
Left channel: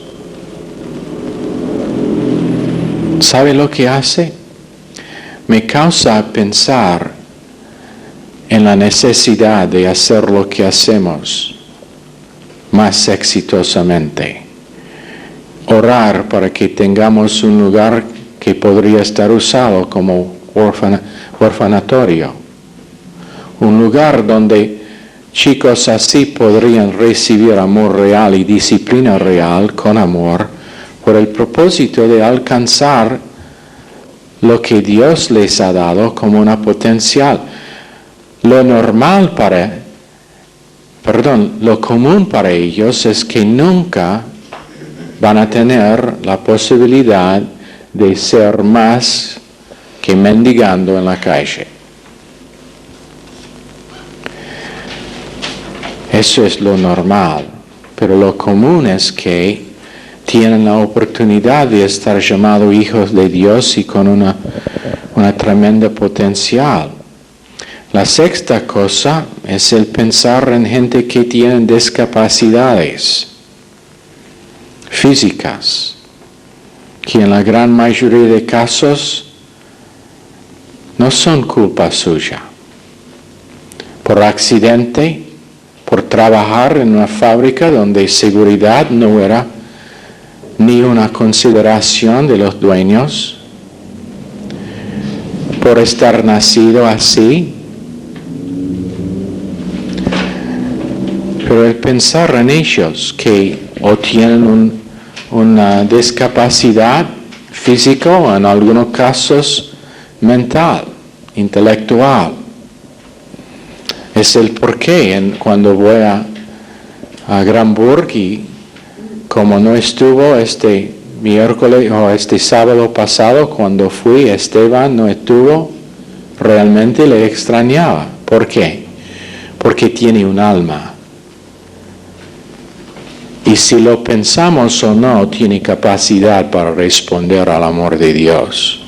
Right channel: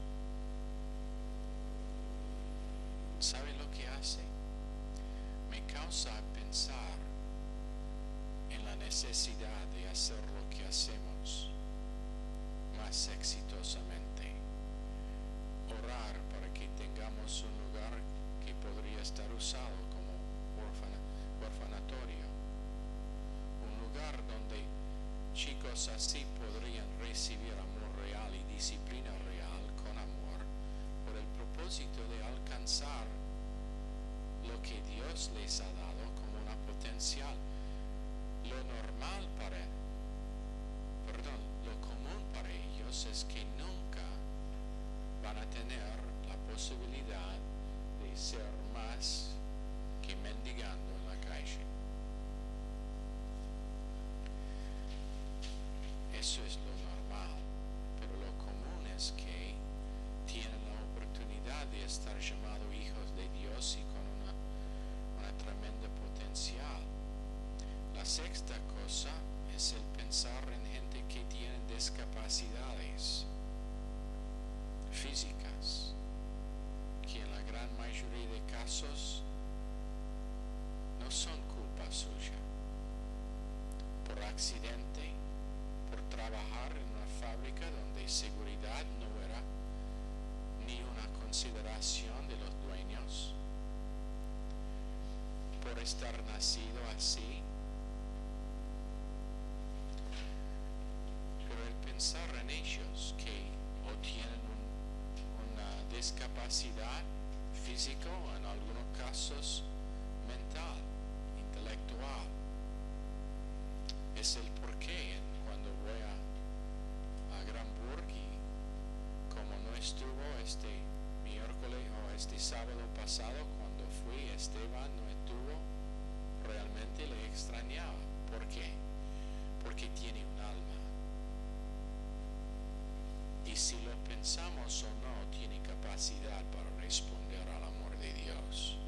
¿Sabe lo que hace? Me causa pensar en la necesidad de hacer lo que hacemos más exitosamente. Orar para que tengamos un lugar que podría estar usado como orfanatorio. Un lugar donde chicos así podrían recibir amor real y disciplina real con amor por el propósito de alcanzar lo que Dios les ha dado como una potencial. Lo común para ellos es que nunca van a tener la posibilidad de ser más que mendigando en la calle. Eso es lo normal, pero lo común es que tienen la oportunidad de estar llamados hijos de Dios y con una tremenda potencial. La sexta cosa es el pensar en gente que tiene discapacidades físicas, que en la gran mayoría de casos no son culpa suya. Por accidente, por trabajar en una fábrica donde seguridad no era ni una consideración de los dueños, por estar nacido así. Pero el pensar en ellos que o tienen una discapacidad física o en algunos casos mental, intelectual, es el porqué cuando voy a Granburg y como no estuvo este miércoles o este sábado pasado, cuando fui, Esteban no estuvo, realmente le extrañaba. ¿Por qué? Porque tiene un alma. Y si lo pensamos o no, tiene capacidad para responder al amor de Dios.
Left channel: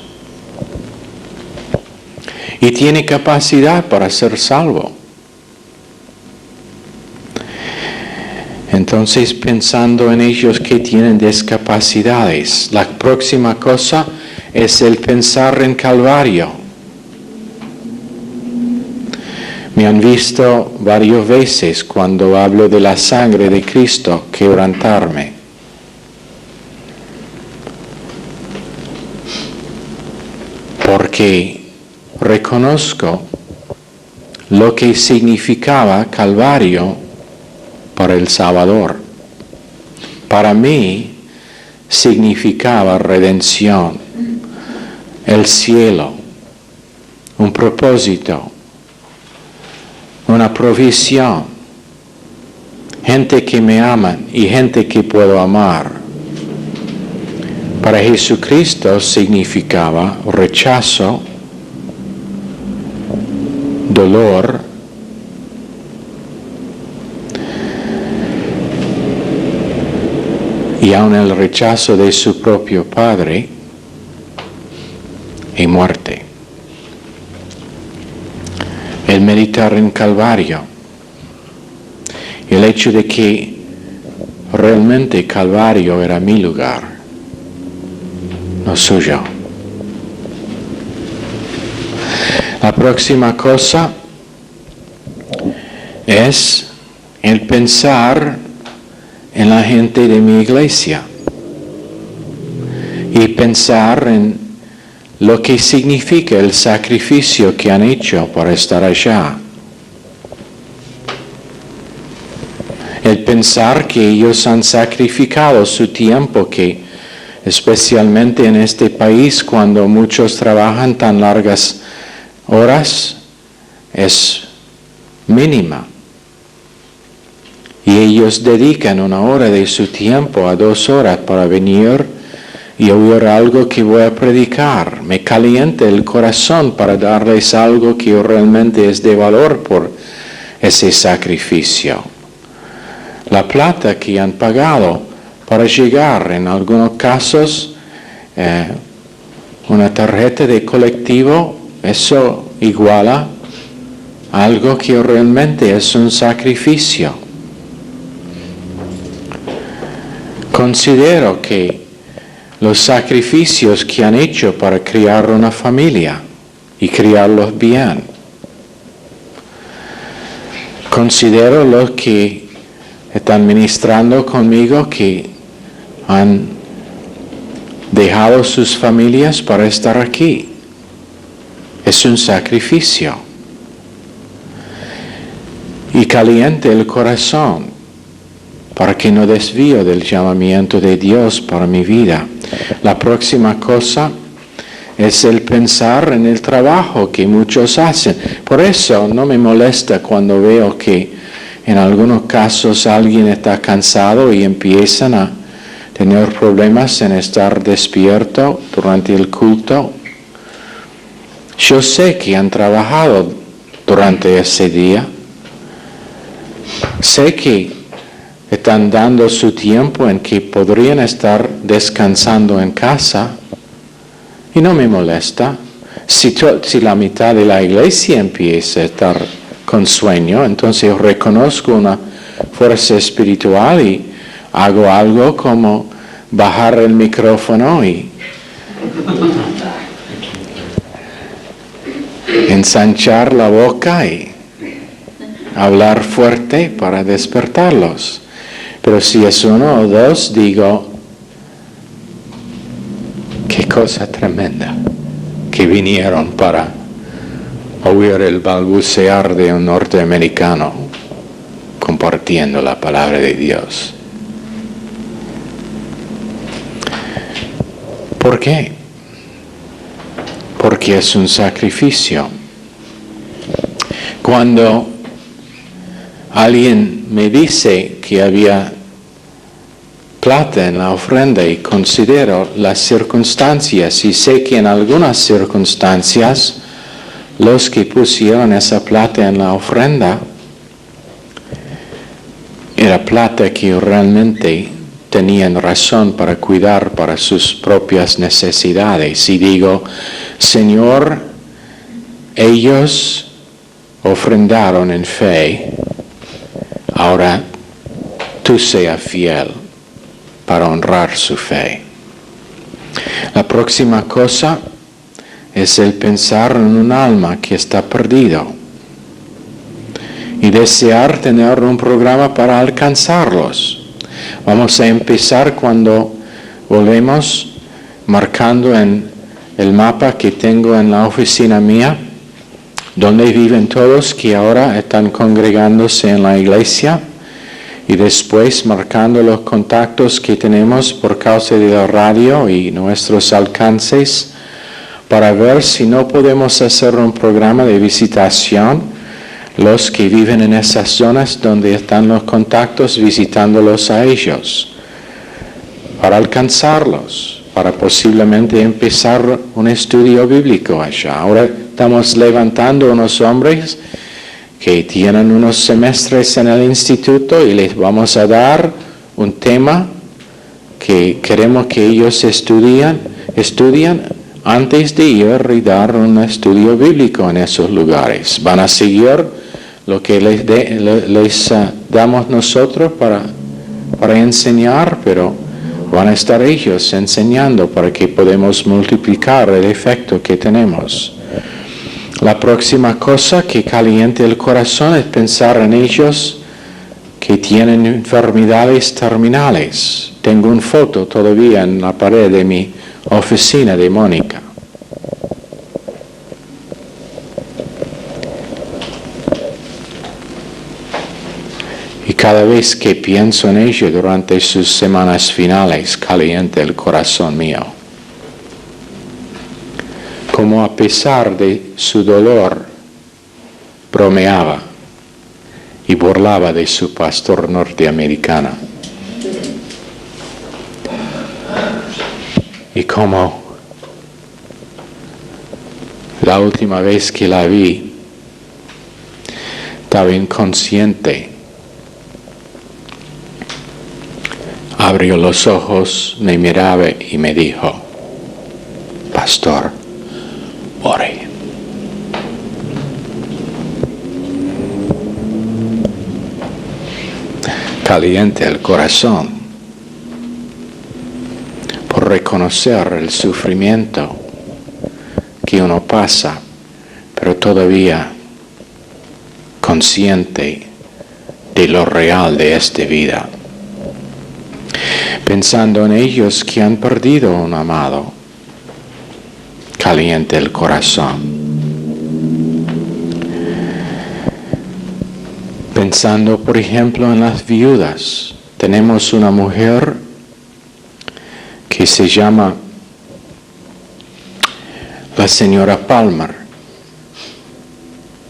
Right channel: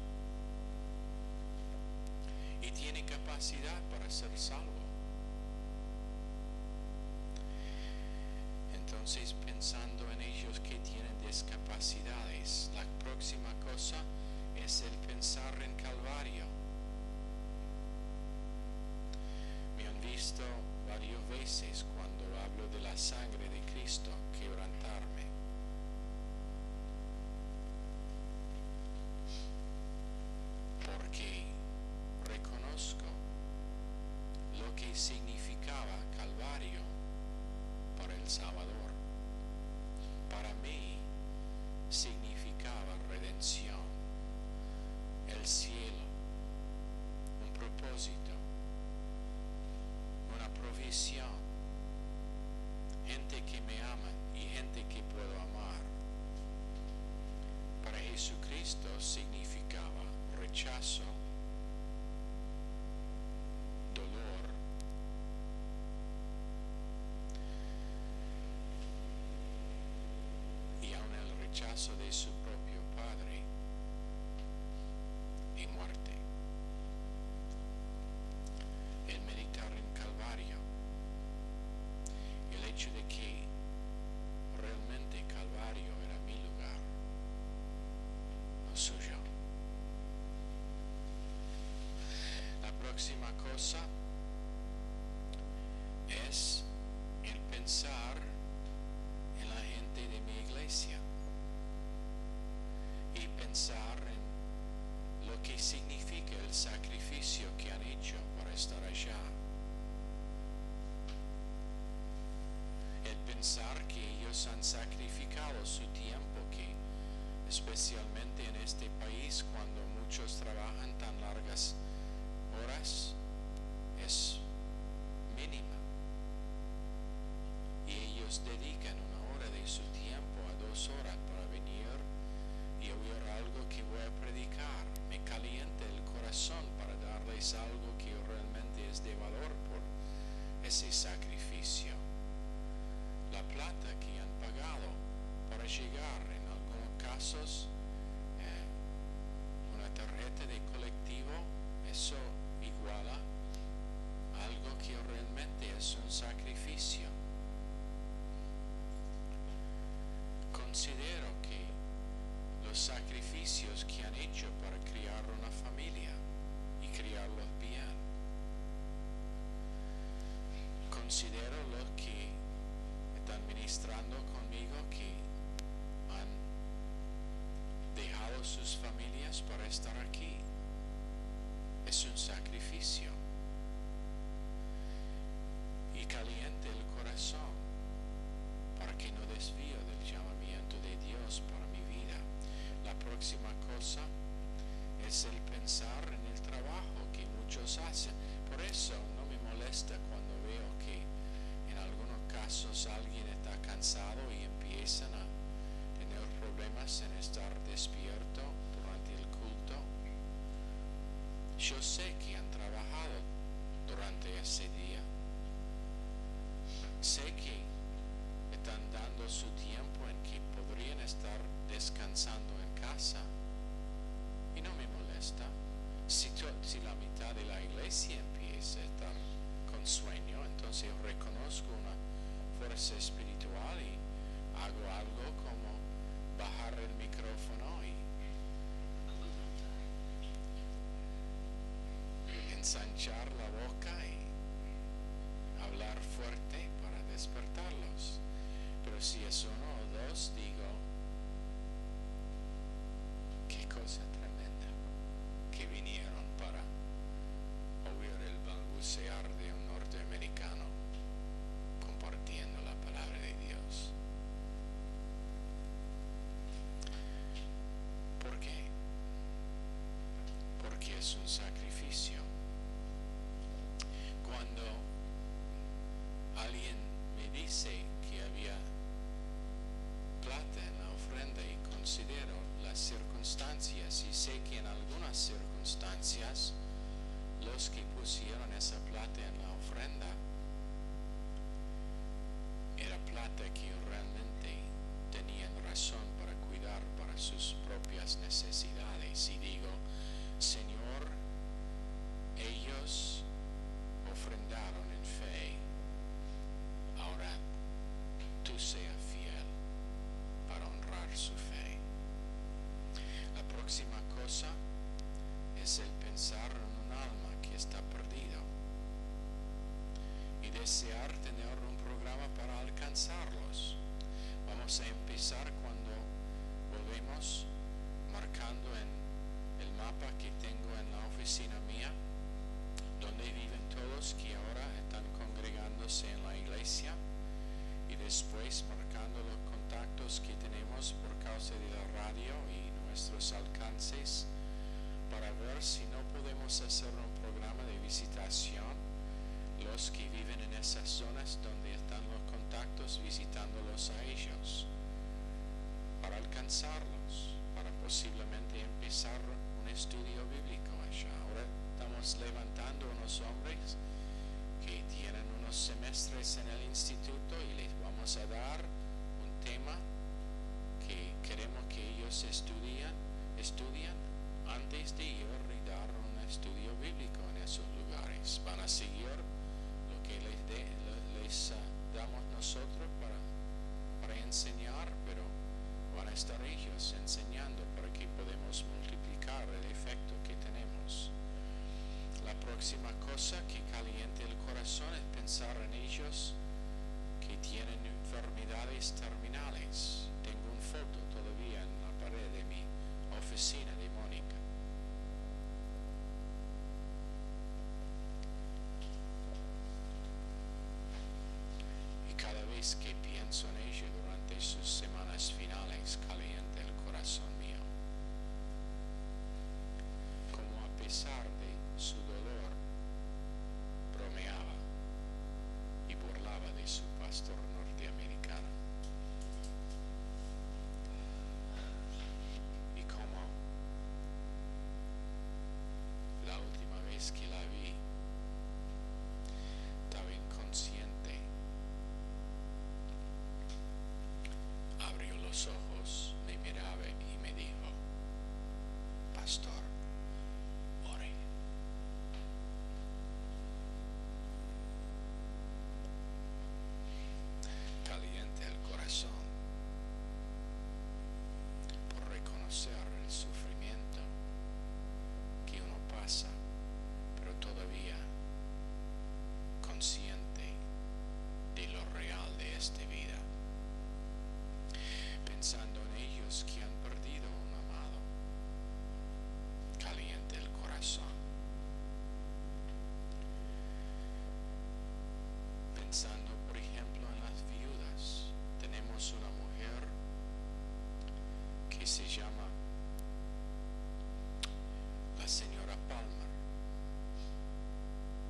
Y tiene capacidad para ser salvo. Entonces, pensando en ellos que tienen discapacidades, la próxima cosa es el pensar en Calvario. Me han visto varias veces cuando hablo de la sangre de Cristo quebrantarme. Porque reconozco lo que significaba Calvario para el Salvador. Para mí significaba redención, el cielo, un propósito, una provisión, gente que me ama y gente que puedo amar. Para Jesucristo significaba rechazo, dolor, y aun el rechazo de su propio Padre y muerte. El meditar en Calvario, el hecho de que realmente Calvario era mi lugar, no suyo. La próxima cosa es el pensar en la gente de mi iglesia y pensar en lo que significa el sacrificio que han hecho para estar allá. El pensar que ellos han sacrificado su tiempo, que especialmente en este país cuando muchos trabajan tan largas horas, es mínima. Y ellos dedican 1 hora de su tiempo a 2 horas para venir y oír algo que voy a predicar. Me calienta el corazón para darles algo que realmente es de valor por ese sacrificio. La plata que han pagado para llegar, en algunos casos, una tarjeta de colectivo, eso iguala algo que realmente es un sacrificio. Considero que los sacrificios que han hecho para criar una familia y criarlos bien. Considero los que están ministrando conmigo que han dejado sus familias para estar aquí. Es un sacrificio. Y caliente el corazón para que no desvío del llamamiento de Dios para mi vida. La próxima cosa es el pensar en el trabajo que muchos hacen. Por eso no me molesta cuando veo que en algunos casos alguien está cansado y empiezan a tener problemas en estar despierto durante el culto. Yo sé que han trabajado durante ese día. Sé que están dando su tiempo en que podrían estar descansando en casa y no me molesta. Si la mitad de la iglesia empieza a estar con sueño, entonces reconozco una fuerza espiritual y hago algo como bajar el micrófono y ensanchar la boca y hablar fuerte para despertarlos. Pero si es 1 o 2, digo, qué cosa tremenda que vinieron para oír el balbucear de un norteamericano compartiendo la palabra de Dios. ¿Por qué? Porque es un sacrificio. Cuando alguien me dice que había plata en la ofrenda y considero las circunstancias y sé que en algunas circunstancias los que pusieron esa plata en la ofrenda era plata que realmente tenían razón para cuidar para sus propias necesidades. Y digo, Señor, ellos ofrendaron en fe, ahora tú seas fiel para honrar su fe. La próxima cosa es el pensar en un alma que está perdido y desear tener un programa para alcanzarlos. Vamos a empezar cuando volvemos marcando en el mapa que tengo en la oficina mía, donde viven todos que ahora están congregándose en la iglesia, y después marcando los contactos que tenemos por causa de la radio y nuestros alcances, para ver si no podemos hacer un programa de visitación, los que viven en esas zonas donde están los contactos, visitándolos a ellos, para alcanzarlos, para posiblemente empezar un estudio bíblico allá. Ahora estamos levantando unos hombres que tienen unos semestres en el instituto y les vamos a dar un tema que queremos que ellos estudian antes de ir y dar un estudio bíblico en esos lugares. Van a seguir lo que les damos nosotros para enseñar, pero van a estar ellos enseñando para que podamos multiplicar el efecto que tenemos. La próxima cosa que caliente el corazón es pensar en ellos que tienen enfermedades terminales. Tengo una foto todavía en la pared de mi oficina de Mónica. Y cada vez que pienso en ello durante sus semanas finales, calienta el corazón mío. Como a pesar de su dolor, bromeaba y burlaba de su pastor norteamericano. Y como la última vez que la vi, estaba inconsciente. Abrió los ojos, me miraba y me dijo, pastor, ore. Caliente el corazón por reconocer el sufrimiento que uno pasa, pero todavía consciente de lo real de esta vida. Pensando en ellos que han perdido un amado, caliente el corazón. Pensando, por ejemplo, en las viudas, tenemos una mujer que se llama la señora Palmer,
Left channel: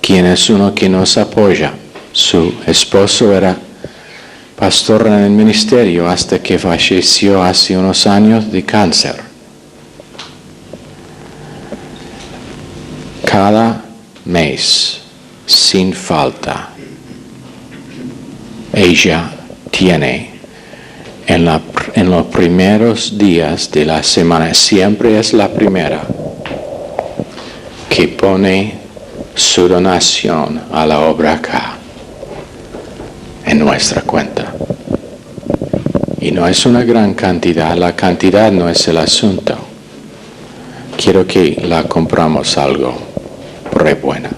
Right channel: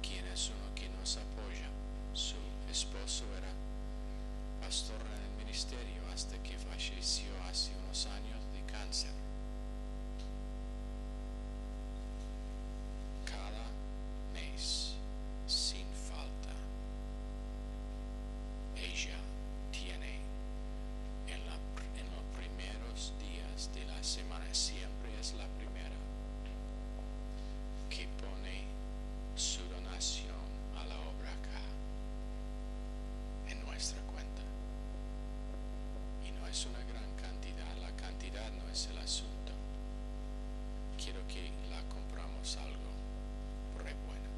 quien es uno que nos apoya. Su esposo era pastor en el ministerio hasta que falleció hace unos años de cáncer. Cada mes, sin falta, ella tiene en los primeros días de la semana, siempre es la primera, que pone su donación a la obra acá, en nuestra cuenta. Y no es una gran cantidad, la cantidad no es el asunto. Quiero que la compramos algo re buena.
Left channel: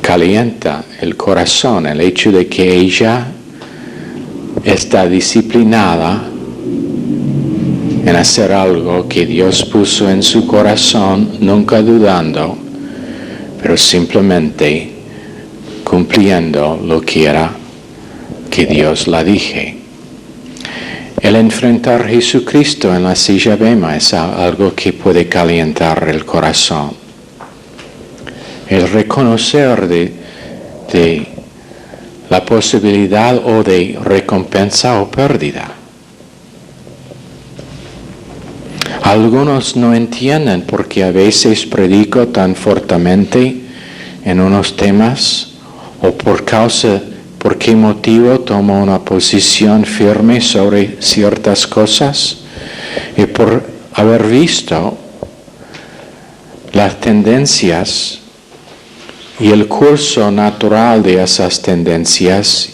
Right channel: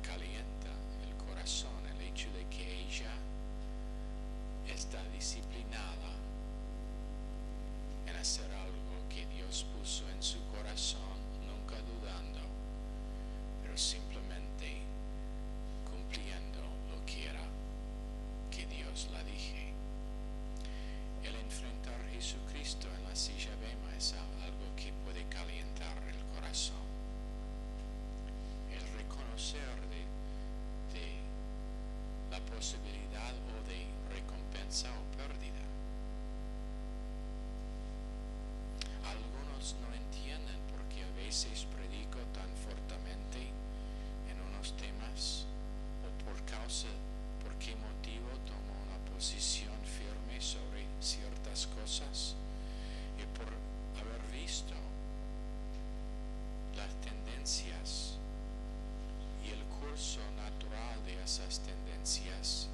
Calienta el corazón el hecho de que ella está disciplinada en hacer algo que Dios puso en su corazón, nunca dudando, pero simplemente cumpliendo lo que era que Dios la dije. El enfrentar a Jesucristo en la silla bema es algo que puede calentar el corazón. El reconocer de la posibilidad o de recompensa o pérdida. Algunos no entienden porque a veces predico tan fuertemente en unos temas o por qué motivo tomo una posición firme sobre ciertas cosas y por haber visto las tendencias y el curso natural de esas tendencias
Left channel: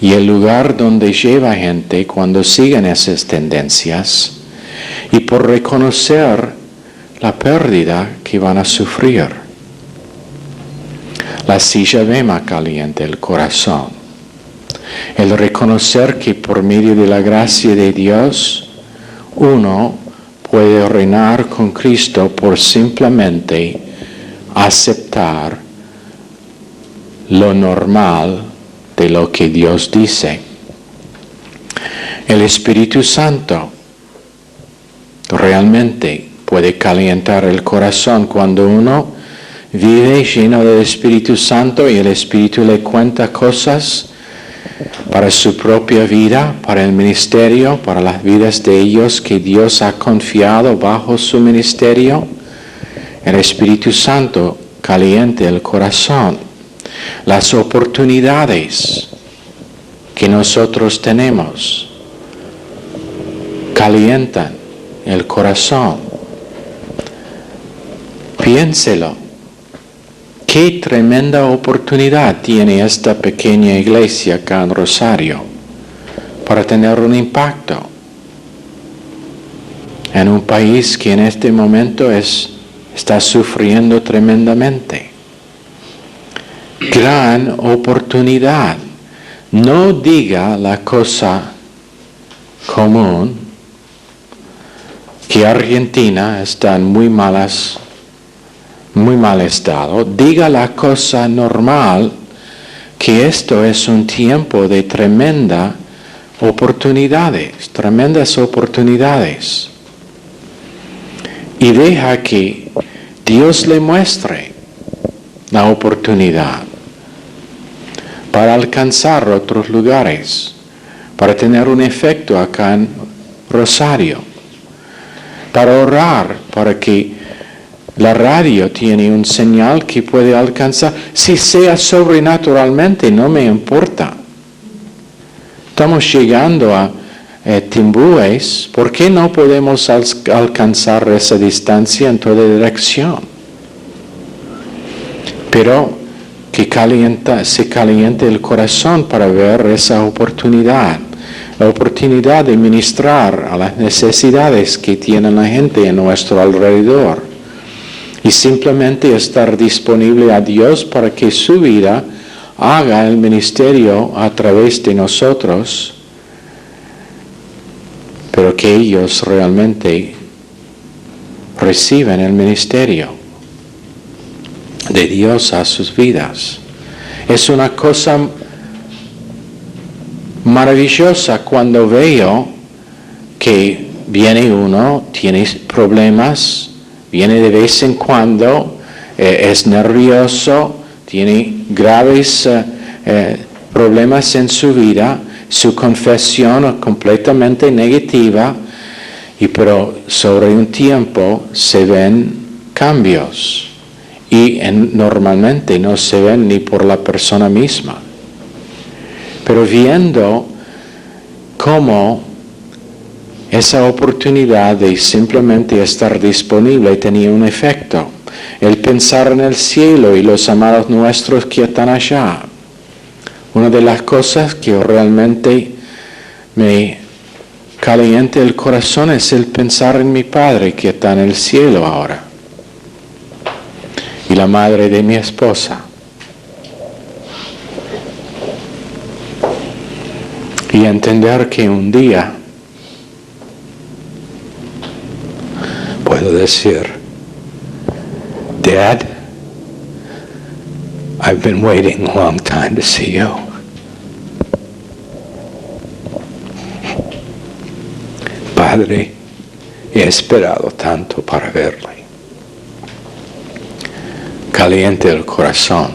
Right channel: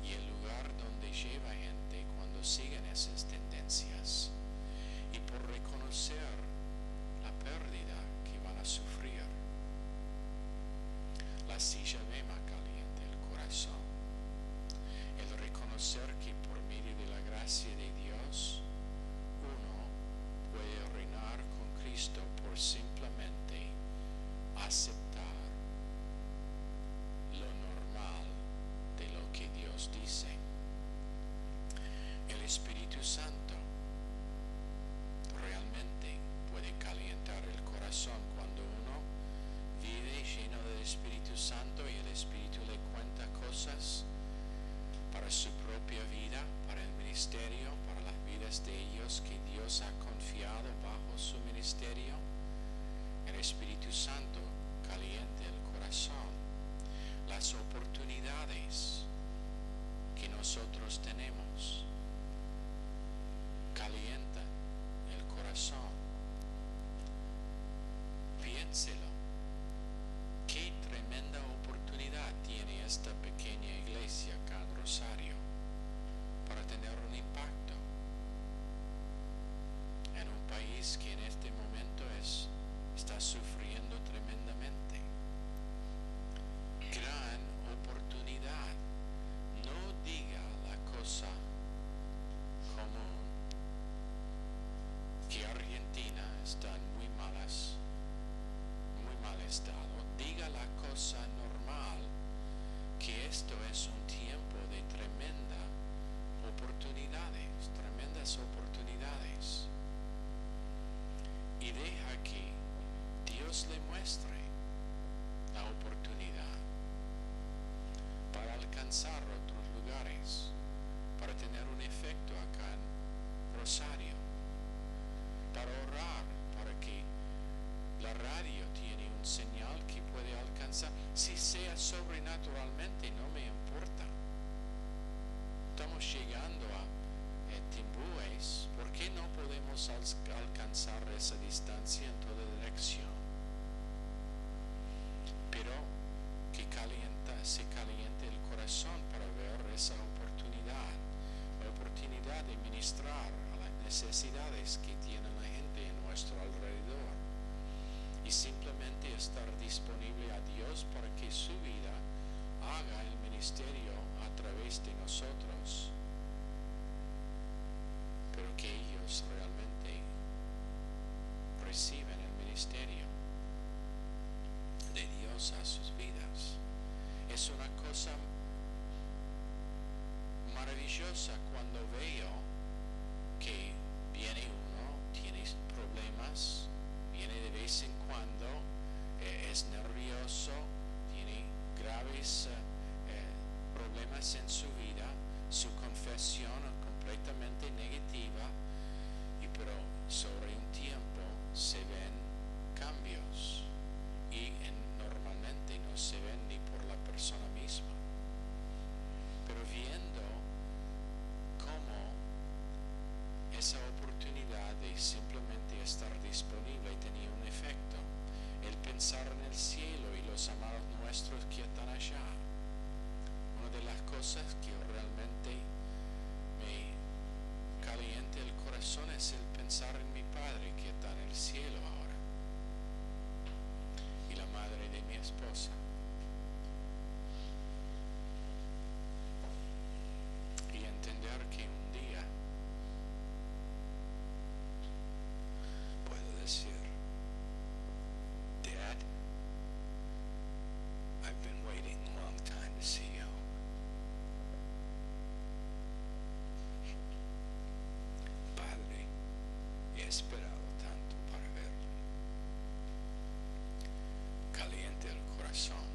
y el lugar donde lleva gente cuando siguen esas tendencias y por reconocer la pérdida que van a sufrir. La silla bema calienta el corazón. El reconocer que por medio de la gracia de Dios uno puede reinar con Cristo por simplemente aceptar lo normal de lo que Dios dice. El Espíritu Santo realmente puede calentar el corazón cuando uno vive lleno del Espíritu Santo y el Espíritu le cuenta cosas para su propia vida, para el ministerio, para las vidas de ellos que Dios ha confiado bajo su ministerio. El Espíritu Santo calienta el corazón. Las oportunidades que nosotros tenemos calientan el corazón. Piénselo. Qué tremenda oportunidad tiene esta pequeña iglesia acá en Rosario para tener un impacto en un país que en este momento está sufriendo tremendamente. Gran oportunidad. No diga la cosa común que Argentina está en muy malas muy mal estado, diga la cosa normal, que esto es un tiempo de tremendas oportunidades. Y deja que Dios le muestre la oportunidad para alcanzar otros lugares, para tener un efecto acá en Rosario, para orar, para que la radio tiene un señal que puede alcanzar. Si sea sobrenaturalmente, no me importa. Estamos llegando a Timbúes, ¿por qué no podemos alcanzar esa distancia en toda dirección? Pero que se caliente el corazón para ver esa oportunidad. La oportunidad de ministrar a las necesidades que tiene la gente en nuestro alrededor. Y simplemente estar disponible a Dios para que su vida haga el ministerio a través de nosotros, pero que ellos realmente reciban el ministerio de Dios a sus vidas. Es una cosa maravillosa cuando veo que viene uno, tiene problemas, viene de vez en cuando, es nervioso, tiene graves problemas en su vida, su confesión es completamente negativa, pero sobre un tiempo se ven cambios y normalmente no se ven ni por la persona misma. Pero viendo cómo esa oportunidad de simplemente estar disponible tenía un efecto. El pensar en el cielo y los amados nuestros que están allá. Una de las cosas que realmente me calienta el corazón es el pensar en mi Padre que está en el cielo ahora. Y la madre de mi esposa. Y entender que un día puedo decir, Dad, I've been waiting a long time to see you. Padre, he esperado tanto para verle. Caliente el corazón.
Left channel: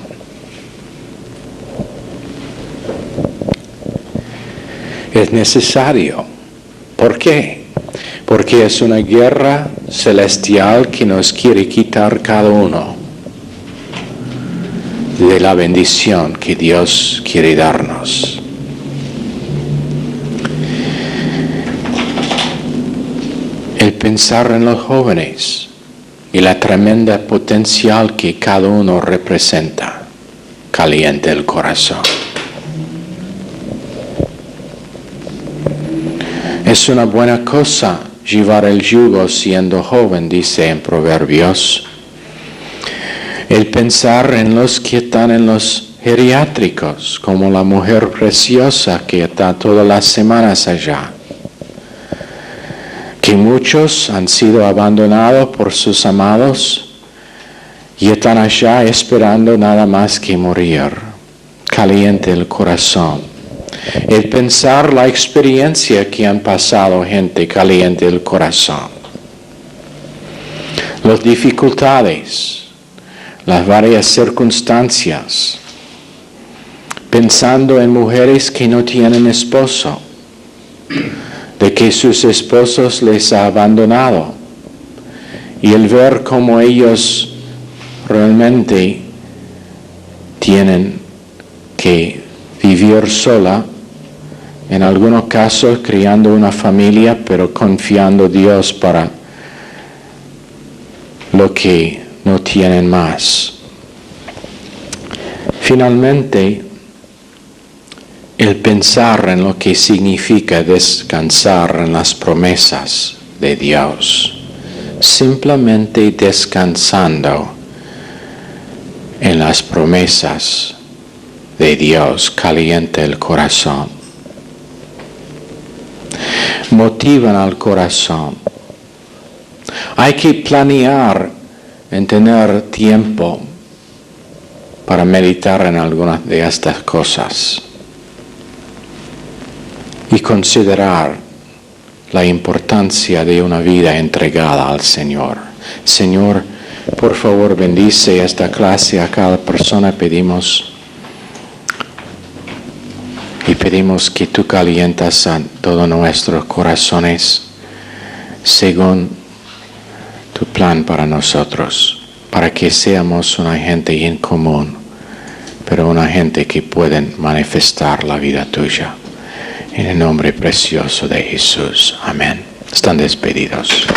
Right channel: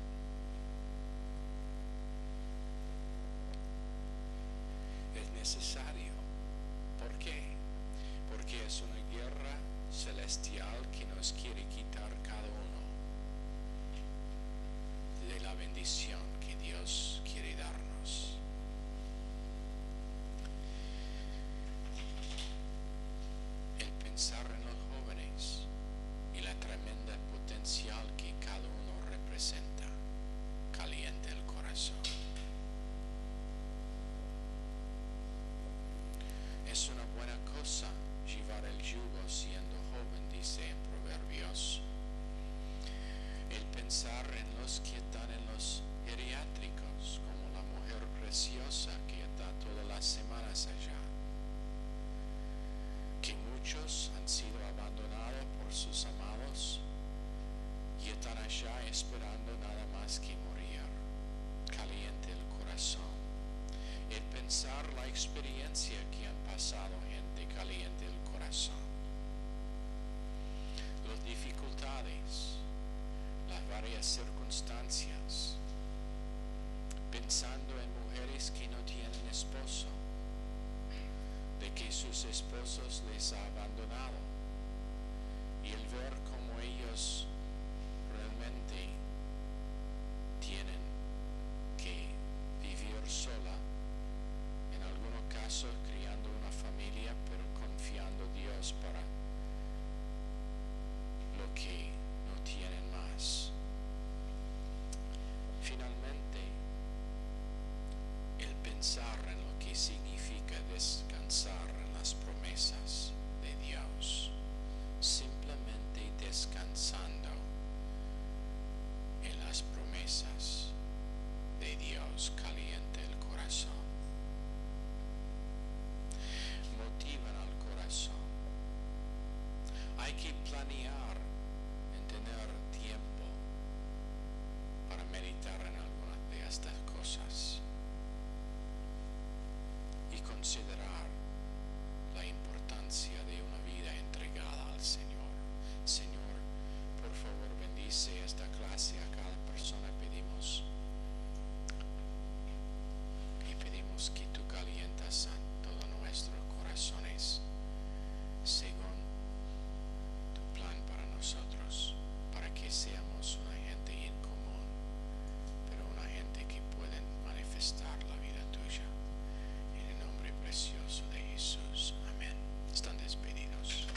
Es necesario. ¿Por qué? Porque es una guerra celestial que nos quiere quitar cada uno de la bendición que Dios quiere darnos. El pensar en los jóvenes y la tremenda potencial que cada uno representa calienta el corazón. Es una buena cosa llevar el yugo siendo joven, dice en Proverbios. El pensar en los que están en los geriátricos, como la mujer preciosa que está todas las semanas allá. Que muchos han sido abandonados por sus amados y están allá esperando nada más que morir. Caliente el corazón. El pensar la experiencia que han pasado gente caliente el corazón. Las dificultades, las varias circunstancias. Pensando en mujeres que no tienen esposo, de que sus esposos les han abandonado. Y el ver cómo ellos realmente tienen que vivir sola, en algunos casos criando una familia, pero confiando en Dios para lo que no tienen más. Finalmente, el pensar en lo que significa descansar en las promesas de Dios, simplemente descansando en las promesas de Dios calienta el corazón. Motivan al corazón. Hay que planear en tener tiempo para meditar en algunas de estas cosas y considerar la importancia de una vida entregada al Señor. Señor, por favor, bendice esta clase a cada persona, pedimos que tú calientas a todos nuestros corazones según tu plan para nosotros, para que seamos una gente en común, pero una gente que puede manifestar la vida tuya. En el nombre precioso de Jesús. Amén. Están despedidos.